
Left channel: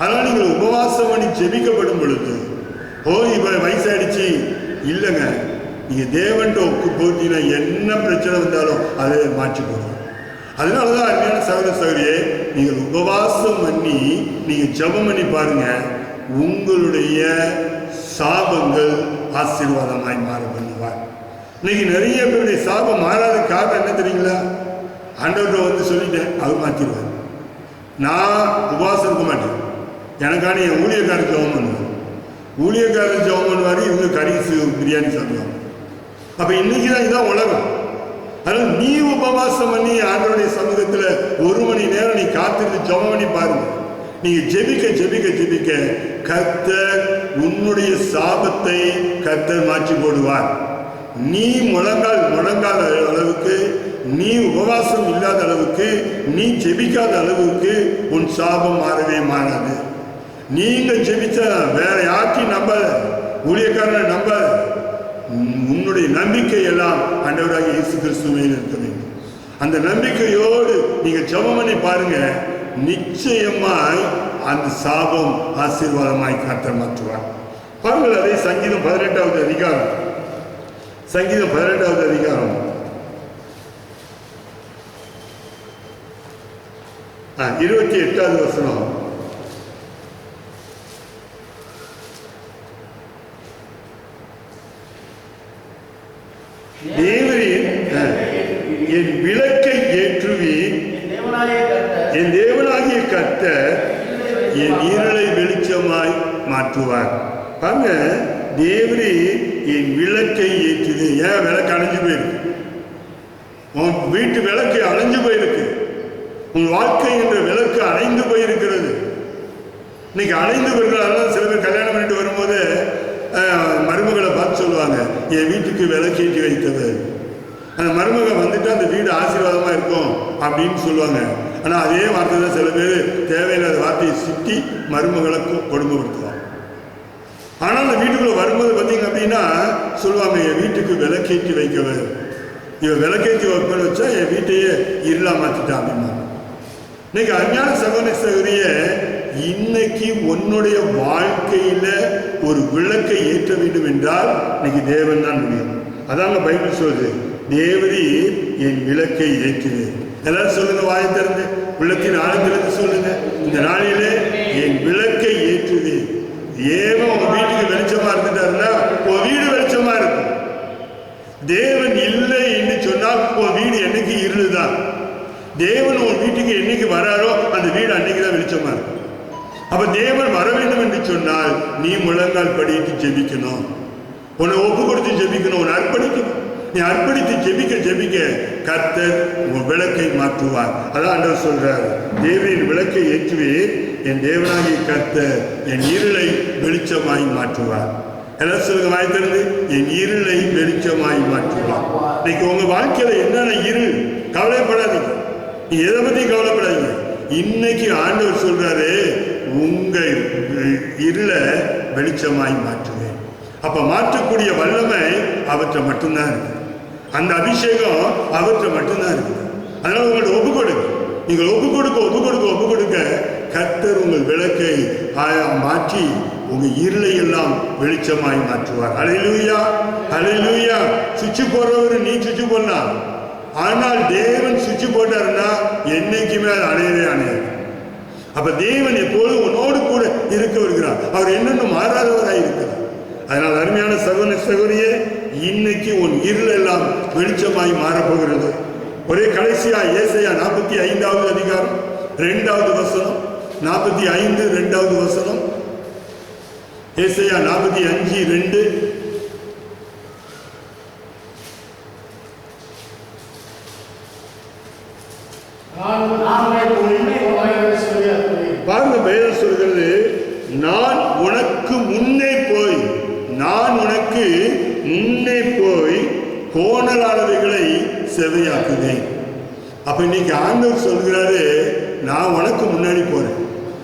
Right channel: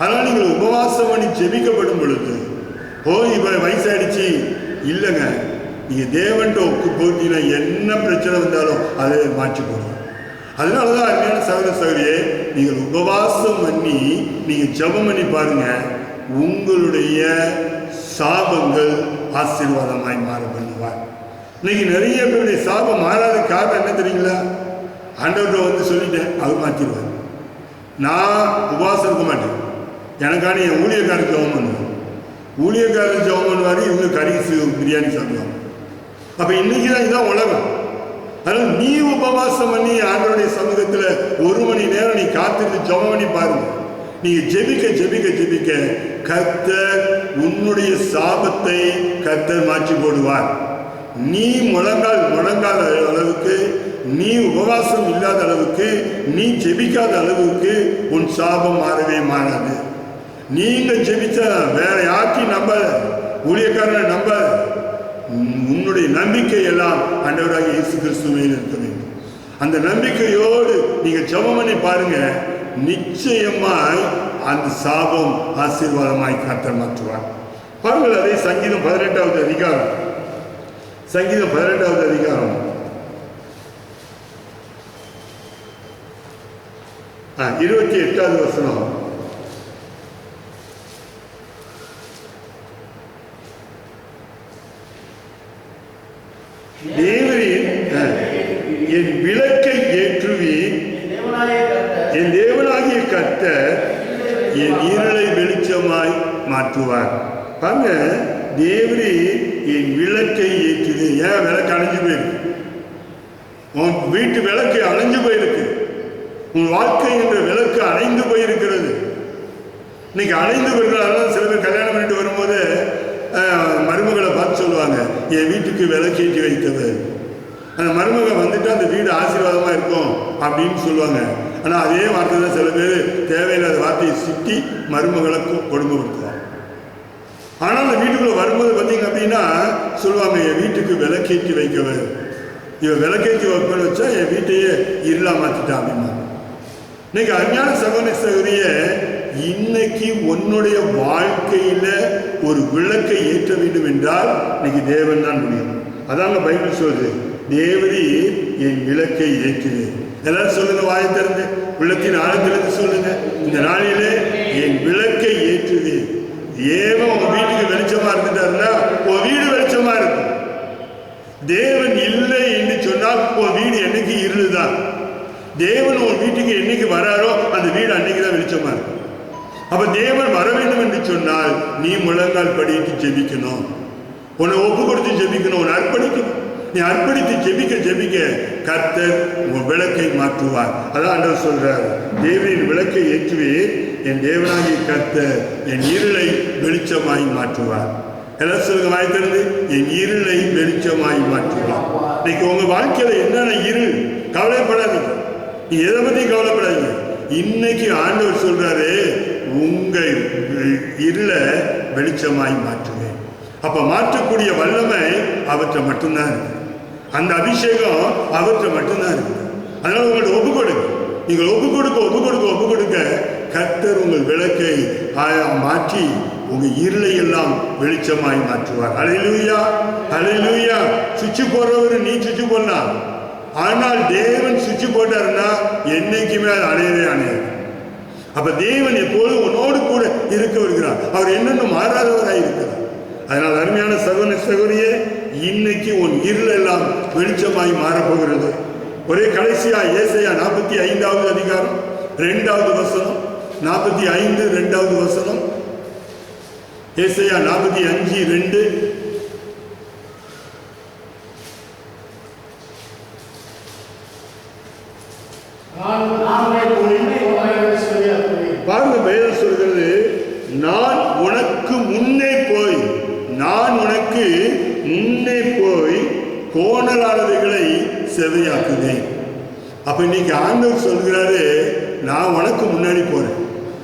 அதனால நீங்கள் உபவாசம் பண்ணி ஜெபிக்கப்படும் பொழுது, இப்ப வயசாயிடுச்சு இல்லைங்க, நீங்க தேவன்ட்ட ஒப்பு போட்டீங்கன்னா என்ன பிரச்சனை வந்தாலும் அதை மாற்றி போடுவோம். அதனாலதான் அருமையான சகோதர சகோதரியே, நீங்கள் உபவாசம் பண்ணி நீங்க ஜெபம் பண்ணி பாருங்க, உங்களுடைய சாபங்கள் ஆசீர்வாதமாய் மாற பண்ணுவார். இன்னைக்கு நிறைய பேருடைய சாபம் மாறாத காரணம் என்ன தெரியுங்களா? ஆண்டவர்கிட்ட வந்து சொல்லிட்டேன், அவர் மாற்றிடுவார். நான் உபவாசம் இருக்க மாட்டேன், எனக்கான என் ஊழியக்காரர் ஜெபம் பண்ணுவேன். ஊழியக்காரர் ஜெபம் பண்ணுவார், இவங்க கறி பிரியாணி சாப்பிடுவாங்க. அப்ப இன்னைக்கு தான் இதான் உலகம். அதனால நீ உபவாசம் பண்ணி ஆண்டவருடைய சமூகத்தில் 1 மணி நேரம் நீ காத்திருந்து ஜெபம் பண்ணி பாருங்க. நீங்க ஜெபிக்க ஜெபிக்க ஜெபிக்க கர்த்தர் உன்னுடைய சாபத்தை கர்த்தர் மாற்றி போடுவார். நீ முழங்கால் அளவுக்கு, நீ உபவாசம் இல்லாத அளவுக்கு, நீ ஜெபிக்காத அளவுக்கு உன் சாபம் மாறவே மாறாது. நீங்க ஜெபிச்சா வேற யாரையும் நம்பாத, ஊழியக்காரனை நம்பாத. உன்னுடைய நம்பிக்கை எல்லாம் ஆண்டவராகிய இயேசு கிறிஸ்துவில் இருக்க வேண்டும். அந்த நம்பிக்கையோடு நீங்க ஜெபம் பண்ணி பாருங்க, நிச்சயமாய் அந்த சாபம் ஆசீர்வாதமாய் கர்த்தர் மாற்றுவார். பாருங்கள், அதே சங்கீதம் 18வது அதிகாரம், சங்கீதம் 18வது அதிகாரம் 28வது வசனம். தேவரீர் என் விளக்கை ஏற்றுவீர், என் தேவனாகிய கர்த்தர் என் இருளை வெளிச்சமாய் மாற்றுவார். பாருங்க, தேவரீர் என் விளக்கை ஏற்றுது. ஏன் விளக்கு அணைஞ்சு போயிருக்கு? உன் வீட்டு விளக்கு அணைஞ்சு போயிருக்கு. உன் வாழ்க்கை என்ற விளக்கு அணைந்து போயிருக்கிறது. இன்னைக்கு அணைந்து போயிருக்கிறாங்க. சில பேர் கல்யாணம் பண்ணிட்டு வரும்போது மருமகளை பார்த்து சொல்லுவாங்க, என் வீட்டுக்கு விளக்கேற்றி வைத்தவர். அந்த மருமக வந்துட்டு அந்த வீடு ஆசீர்வாதமாக இருக்கும் அப்படின்னு சொல்லுவாங்க. ஆனால் அதே வார்த்தை தான் சில பேர் தேவையில்லாத வார்த்தையை சிட்டி மருமகளை கொடுமைப்படுத்துவாங்க. ஆனால் அந்த வீட்டுக்குள்ளே வரும்போது பார்த்தீங்க அப்படின்னா சொல்லுவாங்க, என் வீட்டுக்கு விளக்கேற்றி வைக்கவர். இவன் விளக்கேற்றி வைப்பேன்னு வச்சா என் வீட்டையே இருளா மாற்றிட்டான் அப்படின்னா. இன்னைக்கு அஞ்ஞான சகோதர சகோதரிய, இன்னைக்கு உன்னுடைய வாழ்க்கையில ஒரு விளக்கை ஏற்ற வேண்டும் என்றால் இன்னைக்கு தேவன் தான் முடியும். அதாங்க பைபிள் சொல்லுது, தேவரி என் விளக்கை ஏற்றுது. எல்லாரும் சொல்லுங்க, வாயை திறந்து உள்ளத்தின் ஆழத்திலிருந்து சொல்லுங்க, இந்த நாளிலே என் விளக்கை ஏற்றுது. தேவன் உங்க வீட்டுக்கு வெளிச்சமா இருந்துட்டாருன்னா உன் வீடு வெளிச்சமா இருக்கும். தேவன் இல்லை என்று சொன்னால் உன் வீடு என்னைக்கு இருளுதான். தேவன் உன் வீட்டுக்கு என்னைக்கு வராரோ அந்த வீடு அன்னைக்கு தான் வெளிச்சமா இருக்கும். அப்ப தேவன் வர வேண்டும் என்று சொன்னால் நீ முழங்கால் படிட்டு ஜெபிக்கணும், உன்னை ஒப்பு கொடுத்து ஜெபிக்கணும், உன்னை அர்ப்பணிக்கணும். நீ அர்ப்பணித்து ஜெபிக்க ஜெபிக்க கர்த்தர் உன் விளக்கை மாற்றுவார். அதான் ஆண்டவர் சொல்றார், தேவனின் விளக்கை ஏற்றுவேன், என் தேவனாகிய கர்த்தர் என் இருளை வெளிச்சமாய் மாற்றுவார். எல்லாம் சொல்லுங்க, வாய் திறந்து, என் இருளை வெளிச்சமாய் மாற்றுவார். இன்னைக்கு உங்க வாழ்க்கையில என்னென்ன இருள், கவலைப்படாதீங்க. நீ எதை பத்தி கவலைப்படாதீங்க. இன்னைக்கு ஆண்டவர் சொல்றாரு, உங்க இருளை வெளிச்சமாய் மாற்றுவேன். அப்ப மாற்றக்கூடிய வல்லமை அவற்றை மட்டும்தான் இருக்கு. அந்த அபிஷேகம் அவற்றை மட்டும்தான் இருக்கு. அதனால உங்கள்ட்ட ஒப்பு கொடுங்க. நீங்கள் ஒப்பு கொடுக்க ஒப்பு கொடுக்க ஒப்பு கொடுக்க கர்த்தர் உங்கள் விளக்கை மாற்றி உங்க இருளை எல்லாம் வெளிச்சமாய் மாற்றுவார். அல்லேலூயா, அல்லேலூயா. சுவிட்ச் போடுறவரு நீ சுவிட்ச் போடலாம், ஆனால் தேவன் சுவிட்ச் போட்டாருன்னா என்னைக்குமே அது அணையவே அணையாது. அப்ப தேவன் எப்போதும் உன்னோடு கூட இருக்க வருகிறார். அவர் என்னென்ன மாறாதவராய் இருக்கிறார். அதனால் அருமையான சகோதர சகோதரியே, இன்னைக்கு உன் இருள் எல்லாம் வெளிச்சமாய் மாறப்போகிறது. ஒரே கடைசியா ஏசாயா 45வது அதிகாரம் 2வது வசனம், 45 2வது வசனம். ஏசாயா 45:2. பாருங்க, வேதம் சொல்கிறது, நான் உனக்கு முன்னே போய், நான் உனக்கு முன்னே போய் கோணலானவைகளை செவையாக்குவேன். அப்ப இன்னைக்கு ஆண்டவர் சொல்கிறாரு, நான் உனக்கு முன்னாடி போறேன்.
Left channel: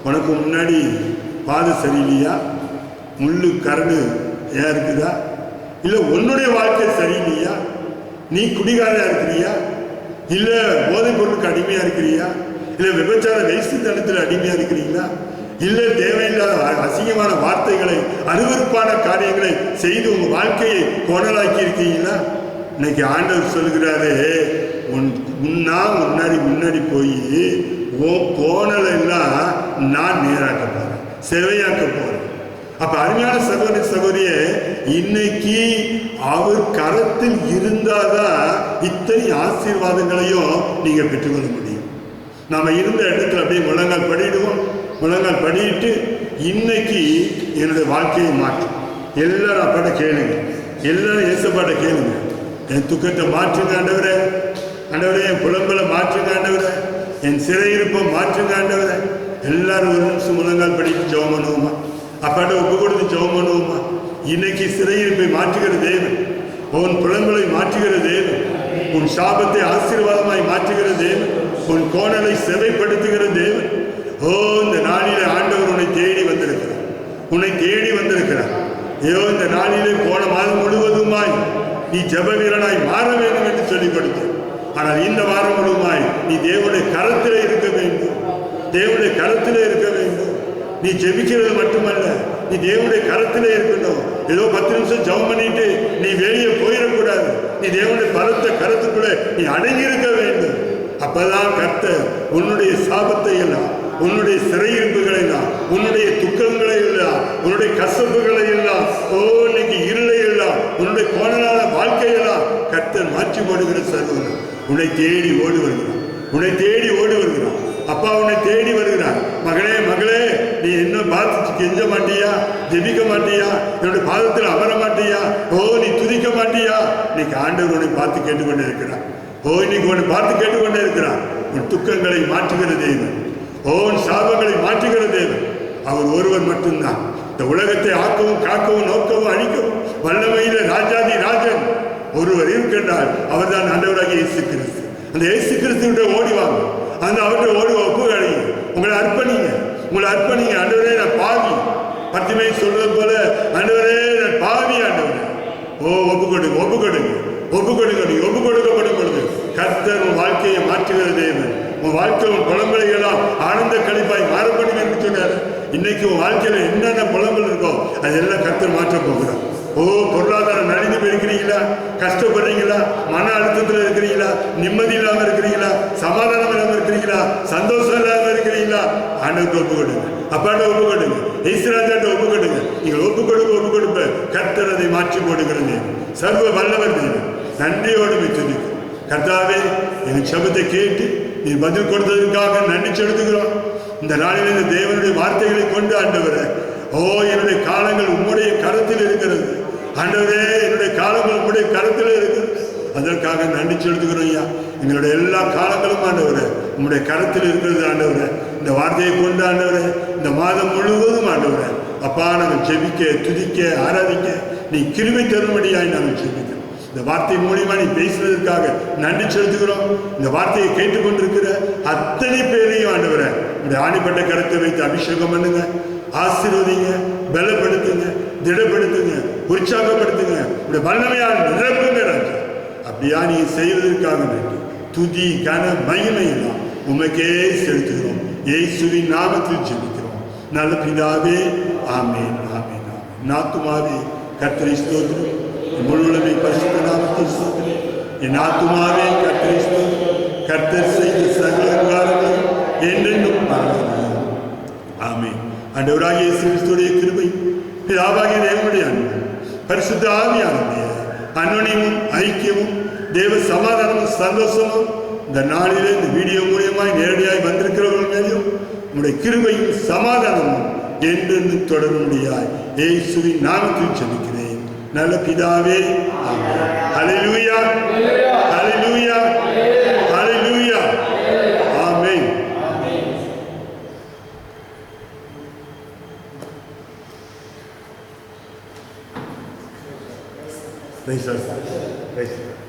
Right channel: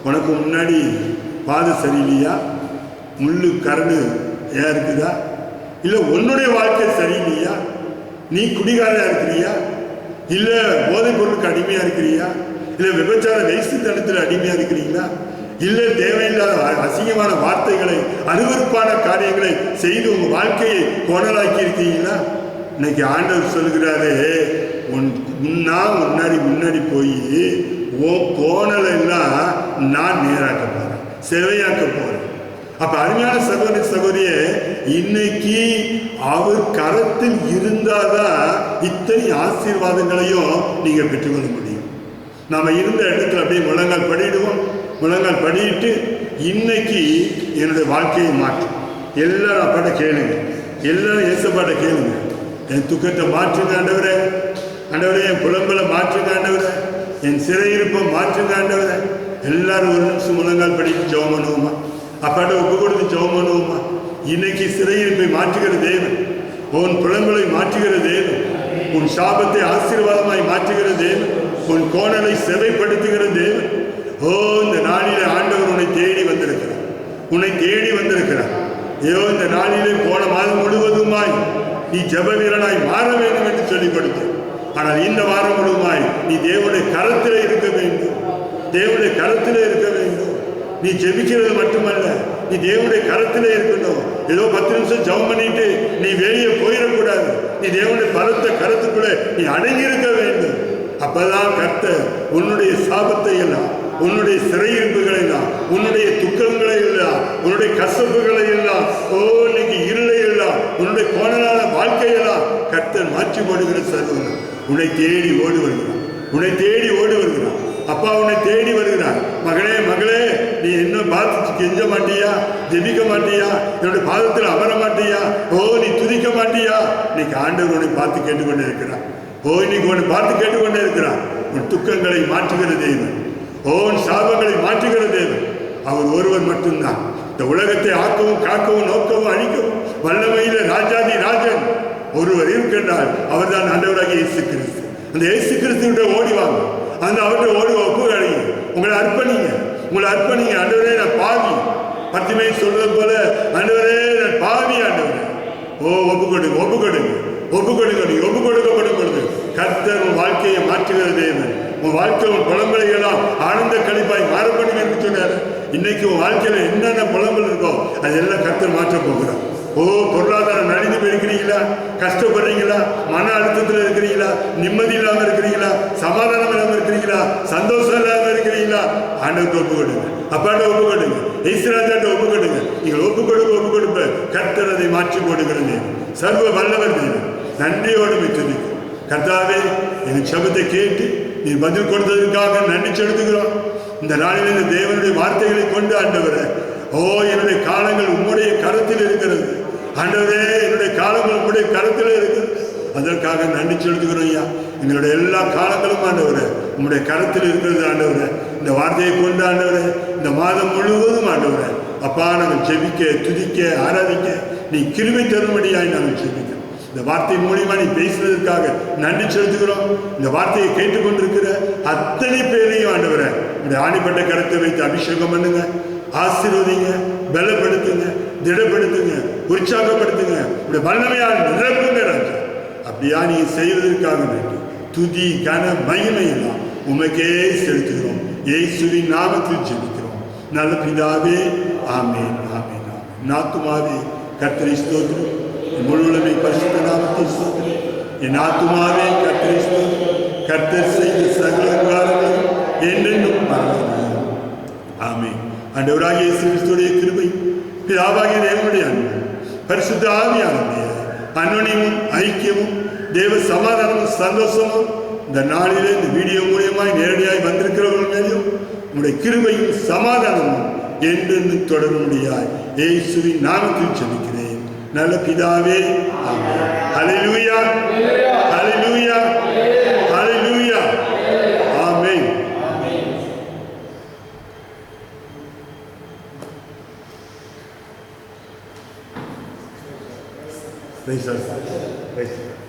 உனக்கு முன்னாடி பாதை சரியில்லையா, முள்ளு கரடு ஏன் இருக்குதா, இல்ல உன்னுடைய வாழ்க்கை சரியில்லையா, நீ குடிகாரா இருக்கிறியா, இல்ல போதைப் பொருளுக்கு அடிமையா இருக்கிறியா, இல்ல விபச்சார வேசித்தனத்தில் அடிமையா இருக்கிறீங்களா, இல்ல தேவையில்லாத அசிங்கமான வார்த்தைகளை அருவருப்பான காரியங்களை செய்து உங்க வாழ்க்கையை கோணலாக்கி இருக்கீங்களா? இன்னைக்கு ஆண்டவர் சொல்கிறாரு, முன்னாடி போய் உன் கோணலை எல்லாம் நான் நேராக்க போறேன், செவையாக்க போறேன். அப்ப அருமையான சகோதர சகோதரிய, இன்னைக்கு அவர் கரத்தில் இருந்தாதான் இத்தனை ஆசீர்வாதங்களையும் நீங்க பெற்றுக்கொள்ள முடியும். நாம இருந்த இடத்துல அப்படியே முழங்கால் படிடுவோம். முழங்கால் படிட்டு இன்னைக்கு என்னுடைய வாழ்க்கையை மாற்றும். எல்லாரும் அப்பாட்ட கேளுங்க, எல்லாரும் ஏசப்பாட்ட கேளுங்க. என் துக்கத்தை மாற்றுங்க ஆண்டவரே, ஆண்டவரே என் புலம்பலை மாற்றுங்க ஆண்டவரே, என் சிறையிருப்பை மாற்றுங்க ஆண்டவரே. எல்லாரும் ஒரு நிமிஷம் முழங்கால் படித்து ஜெபம் பண்ணுவோமா, அப்பாட்ட ஒப்பு கொடுத்து ஜெபம் பண்ணுவோமா. இன்னைக்கு சிறையிருப்பை மாற்றுகிற தேவன், உன் புலம்பலை மாற்றுகிற தேவன், உன் சாபத்தை ஆசீர்வாதமாய் மாற்றுகிற தேவன், உன் கோணலை செவைப்படுத்துகிற தேவன். ஓ, இந்த நாளிலே ஆண்டவர் உன்னை தேடி வந்திருக்கிறார், உன்னை தேடி வந்திருக்கிறார். ஐயோ, இந்த நாளிலே போன மாதம் முழுவதுமாய் நீ ஜெப வீரனாய் மாற வேண்டும் என்று சொல்லிக் கொடுத்தேன். ஆனால் இந்த வாரம் முழுவதுமாய் நீ தேவனுடைய கரத்திலே இருக்க வேண்டும், தேவனுடைய கரத்திலே இருக்க வேண்டும். நீ ஜெபிக்கிறது மட்டுமல்ல, நீ தேவனுடைய கரத்திலே இருக்கணும். ஏதோ 10 நிமிஷம் ஜெபம் பண்ணிட்டு நீ வெளியே போயிடக்கூடாது. நீ தேவனுடைய பலத்த கரத்துக்குள்ளே நீ அடங்கி இருக்க வேண்டும். அப்பதான் கர்த்தர் உன்னுடைய சாபத்தை எல்லாம், உன்னுடைய சிறையிருப்புகளை எல்லாம், உன்னுடைய துக்கங்களை எல்லாம், உன்னுடைய கசப்புகளை எல்லாம், இன்னைக்கு இருளை எல்லாம், உன்னுடைய கோணலான வாழ்க்கையெல்லாம் கர்த்தர் மாற்றி போடுகிற சர்வன் உன்னை தேடி ஓடி வருகிறான், உன்னை தேடி ஓடி வருகிறான். அப்பா உன்னை தேடி வருகிறார். மகளே மகளே, நீ என்ன பார்த்து கெஞ்ச மாட்டியா? ஜெபிக்க மாட்டியா? என்னுடைய பாதத்தில் அமர மாட்டியா? ஓ, நீ துதிக்க மாட்டியா? இன்னைக்கு ஆண்டவர் உன்னை பார்த்து கேட்டுக்கொண்டே இருக்கிறார். ஓ, இன்னைக்கு உன்னை பார்த்து கேட்டுக்கொண்டே இருக்கிறார். உன் துக்கங்களை மாற்றுகிற தேவன், உன் சாபங்களை மாற்றுகிற தேவன் அவர் ஒருவர் மட்டும்தான். இந்த உலகத்தை ஆக்கவும் காக்கவும் நோக்கவும் அழிக்கவும் வல்லமையில ராஜாதி ராஜன் ஒருவர் இருக்கின்றார். அவர் தான் ஆண்டவராகிய இயேசு கிறிஸ்து. அந்த இயேசு கிறிஸ்துவிட்ட ஓடி வாங்க, அந்த அவர்கிட்ட ஓடி ஒப்பு அழிங்க, உங்களை அர்ப்பணிங்க, உங்களை அர்ப்பணிங்க. ஆண்டவரே நான் பாவி, பத்திமை சொல்றது போல ஆண்டவரே நான் பாவி ஆண்டவரே. ஓ, ஒப்பு கொடுங்க, ஒப்பு கொடுங்க, ஒப்பு கொடுங்க. நீ ஒப்பு கொடுக்கப்படும் பொழுது கர்த்தர் உன் வாழ்க்கையை மாற்றுகிற தேவன். உன் வாழ்க்கை உன் புலம்பலை எல்லாம் ஆனந்த கழிப்பாய் மாறப்படும் என்று சொன்னார். இன்னைக்கு உன் வாழ்க்கையில என்னென்ன புலம்பல் இருக்கோ அதெல்லாம் கர்த்தர் மாற்ற போகிறார். ஓ, பொருளாதாரம் நலிந்து போயிருக்கிறீங்களா? கஷ்டப்படுறீங்களா? மன அழுத்தத்தில் இருக்கிறீங்களா? நிம்மதி இல்லாமல் இருக்கிறீங்களா? சமாதானம் இல்லாமல் இருக்கிறீங்களா? சந்தோஷம் இல்லாமல் இருக்கிறீங்களா? ஆண்டவருக்கு ஒப்பு கொடுங்க, அப்பாட்ட ஒப்பு கொடுங்க, ஈஸ்வராஜாட்ட ஒப்பு கொடுங்க. நீங்கள் ஒப்பு கொடுப்ப கர்த்தர் அதை மாற்றி போடுகிறது. சர்வ வல்லவர் தேவன். நன்றியோடு துதிக்கும். கர்த்தாவே, எங்கள் சபத்தை கேட்டு நீ பதில் கொடுத்ததற்காக நன்றி செலுத்துகிறோம். இந்த நாளில் இந்த தேவனுடைய வார்த்தைகளை கொண்டு ஆண்டவரே, ஓ, என்னுடைய காலங்கள் உம்முடைய கரத்தில் இருக்கிறது ஆண்டவரே, என்னுடைய காலங்கள் உம்முடைய கரத்தில் இருக்கிறது. அதற்காக நன்றி செலுத்துகிறோம் ஐயா. எங்களுடைய எல்லா காலங்களும் ஆண்டவரே உம்முடைய கரத்தில் இருக்கிறது ஆண்டவரே. இந்த வார்த்தையை கொண்டு ஆண்டவரே இந்த மாதம் முழுவதும் ஆண்டவரே அப்பா நாங்கள் ஜெபிக்க, துதிக்க, ஆராதிக்க நீ கிருபை தரும்படியாய் நாங்கள் ஜெபிக்கிறோம். இந்த வார்த்தை மூலியமா நீ பேசுவதற்காக நன்றி செலுத்துகிறோம். இந்த வார்த்தையை கேட்டுக்கொண்டிருக்கிற அத்தனை பேரையும் ஆண்டவரே இந்த ஆணிப்பட்ட கருத்தை வைத்து அபிஷேகம் பண்ணுங்க, ஆசீர்வதிங்க, பலப்படுத்துங்க, திடப்படுத்துங்க, உற்சாகப்படுத்துங்க. இப்படி வல்லமையால் நிரப்புங்க ராஜா. அப்படியா நீ செய்வதற்காக வேண்டும். துதி கன மகிமை எல்லாம் உமக்கே செலுத்துகிறோம். இயேசுவின் நாமத்தில் ஜெபிக்கிறோம் நல்ல பிதாவே. ஆமேன், ஆமேன், ஆமேன். நாத்துமாவே கர்த்தரை ஸ்தோத்திரம். முழுவதுமை பரிசுத்த நாமத்தை ஸ்தோத்திரம். என் ஆத்துமாவே கர்த்தரை ஸ்தோத்திரம். கர்த்தர் செய்த சகல உபகாரங்களையும் என்றென்றும் மறவாதே. ஆமேன். ஆண்டவராகிய இயேசு கிறிஸ்துவின் கிருபை, பிதாவாகிய தேவனுடைய அன்பு, பரிசுத்த ஆவியானவருடைய அன்யோன்யமும் ஐக்கியமும் தேவ சமாதானமும் சந்தோஷமும் இந்த நாளிலே இந்த வீடியோ மூலியமாய் நேரடியாய் வந்திருக்கிறவர்கள் மேலும் உங்களுடைய கிருபையும் சமாதானமும் என்றென்றும் தொடரும்படியாய் இயேசுவின் நாமத்தில் ஜெபிக்கிறேன் நல்ல பிதாவே. ஆமென். ஹல்லேலூயா, ஹல்லேலூயா, ஹல்லேலூயா. ஆமென். Praise the Lord. Praise the Lord.